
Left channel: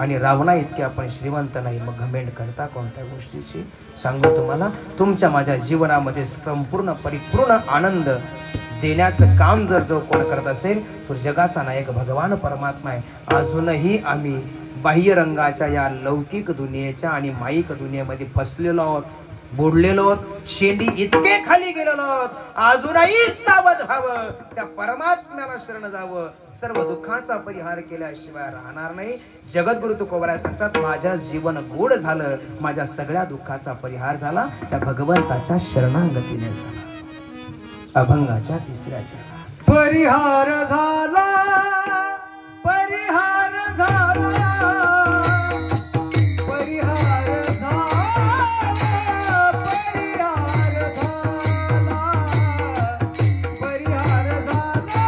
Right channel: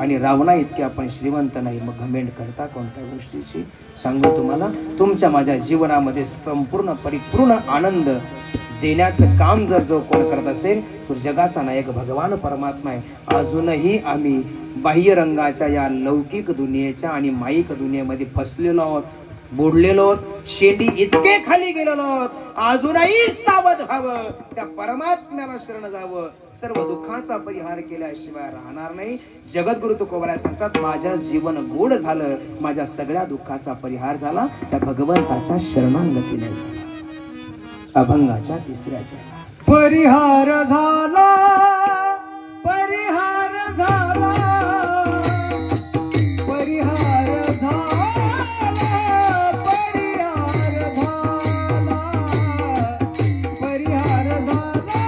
आणि रावणा इतके आपण श्रीमंत नाही, मग घमेंड करता कोणत्या गोष्टीची. सांगू तुम्हाला, तुमच्या माझ्या जीवनामध्ये संपूर्ण परिपूर्ण आनंद देण्याचं काम जर जो कोण करत असेल, तो जगाचा नायक भगवान परमात्मा आहे. अजूनही आम्ही बाह्य रंगाच्या या लौकिक दुनियेच्या आणि माईक दुनियेमध्ये फसलेलो आहोत, बुडलेलो आहोत, शेती इतके खाली गेलेलो आहोत. अजूनही सावध व्हावं, त्या परमात्म्याला शरण जावं. सर्व दुःखाचा परिहार केल्याशिवाय राहणार नाही. जगद्गुरु तुकोबराय सांगतात, माझ्या जीवन गोड झालं, माझ्या सगळ्या दुःखाचा परिहार झाला त्या भगवंताच्या शरणागतीने झाला. अभंगाच्या 3ऱ्या परिहार झाला, परिहार झाला, परिहार झाला, परिहार झाला, परिहार झाला,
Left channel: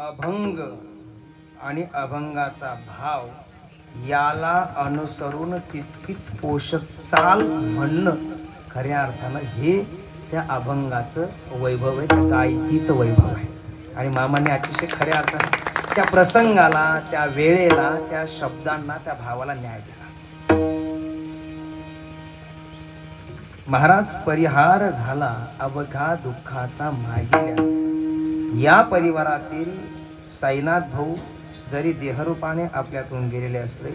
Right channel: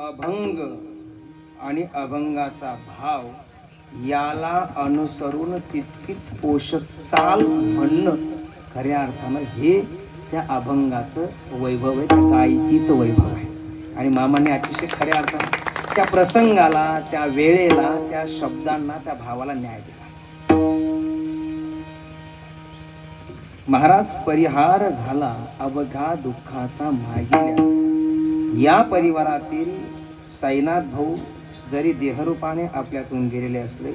अभंग आणि अभंगाचा भाव याला अनुसरून तितकीच पोषक चाल म्हणणं खऱ्या अर्थानं हे त्या अभंगाचं वैभव आहे, त्या गायकीचं वैभव आहे. आणि मामाने अतिशय खऱ्या अर्थानं त्या प्रसंगाला, त्या वेळेला, त्या शब्दांना, त्या भावाला न्याय दिला. महाराज परिहार झाला अवघा दुःखाचा मागिल्या. या परिवारातील साईनाथ भाऊ जरी देहरूपाने आपल्यातून गेलेले असले,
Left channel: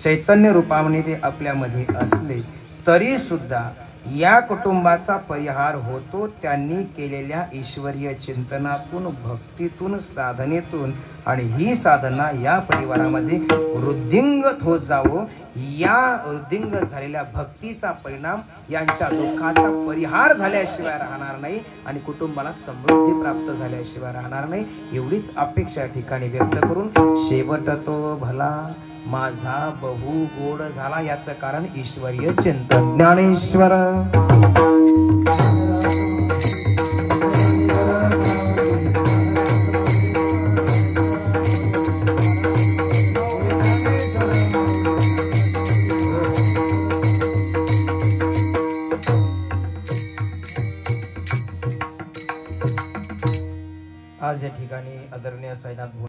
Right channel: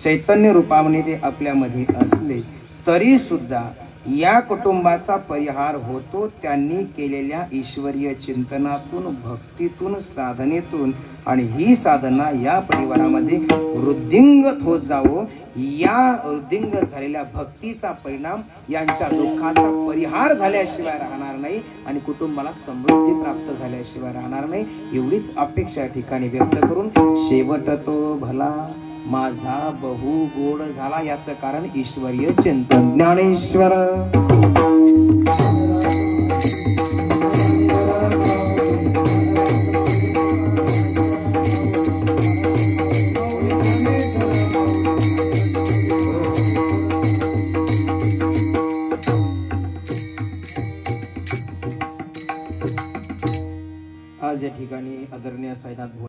चैतन्य रूपाने ते आपल्यामध्ये असले, तरी सुद्धा या कुटुंबाचा परिहार होतो त्यांनी केलेल्या ईश्वरीय चिंतनातून, भक्तीतून, साधनेतून. आणि ही साधना या परिवारामध्ये वृद्धिंगत होत जावो. या वृद्धिंगत झालेल्या भक्तीचा परिणाम यांच्या दुःखाचा परिहार झाल्याशिवाय राहणार नाही आणि कुटुंबाला समृद्धी प्राप्त झाल्याशिवाय राहणार नाही. एवढीच अपेक्षा या ठिकाणी व्यक्त करून शेवट तो भला माझा बहु गोड झाला. याचं कारण ईश्वरीय चिंतन. ज्ञानेश्वर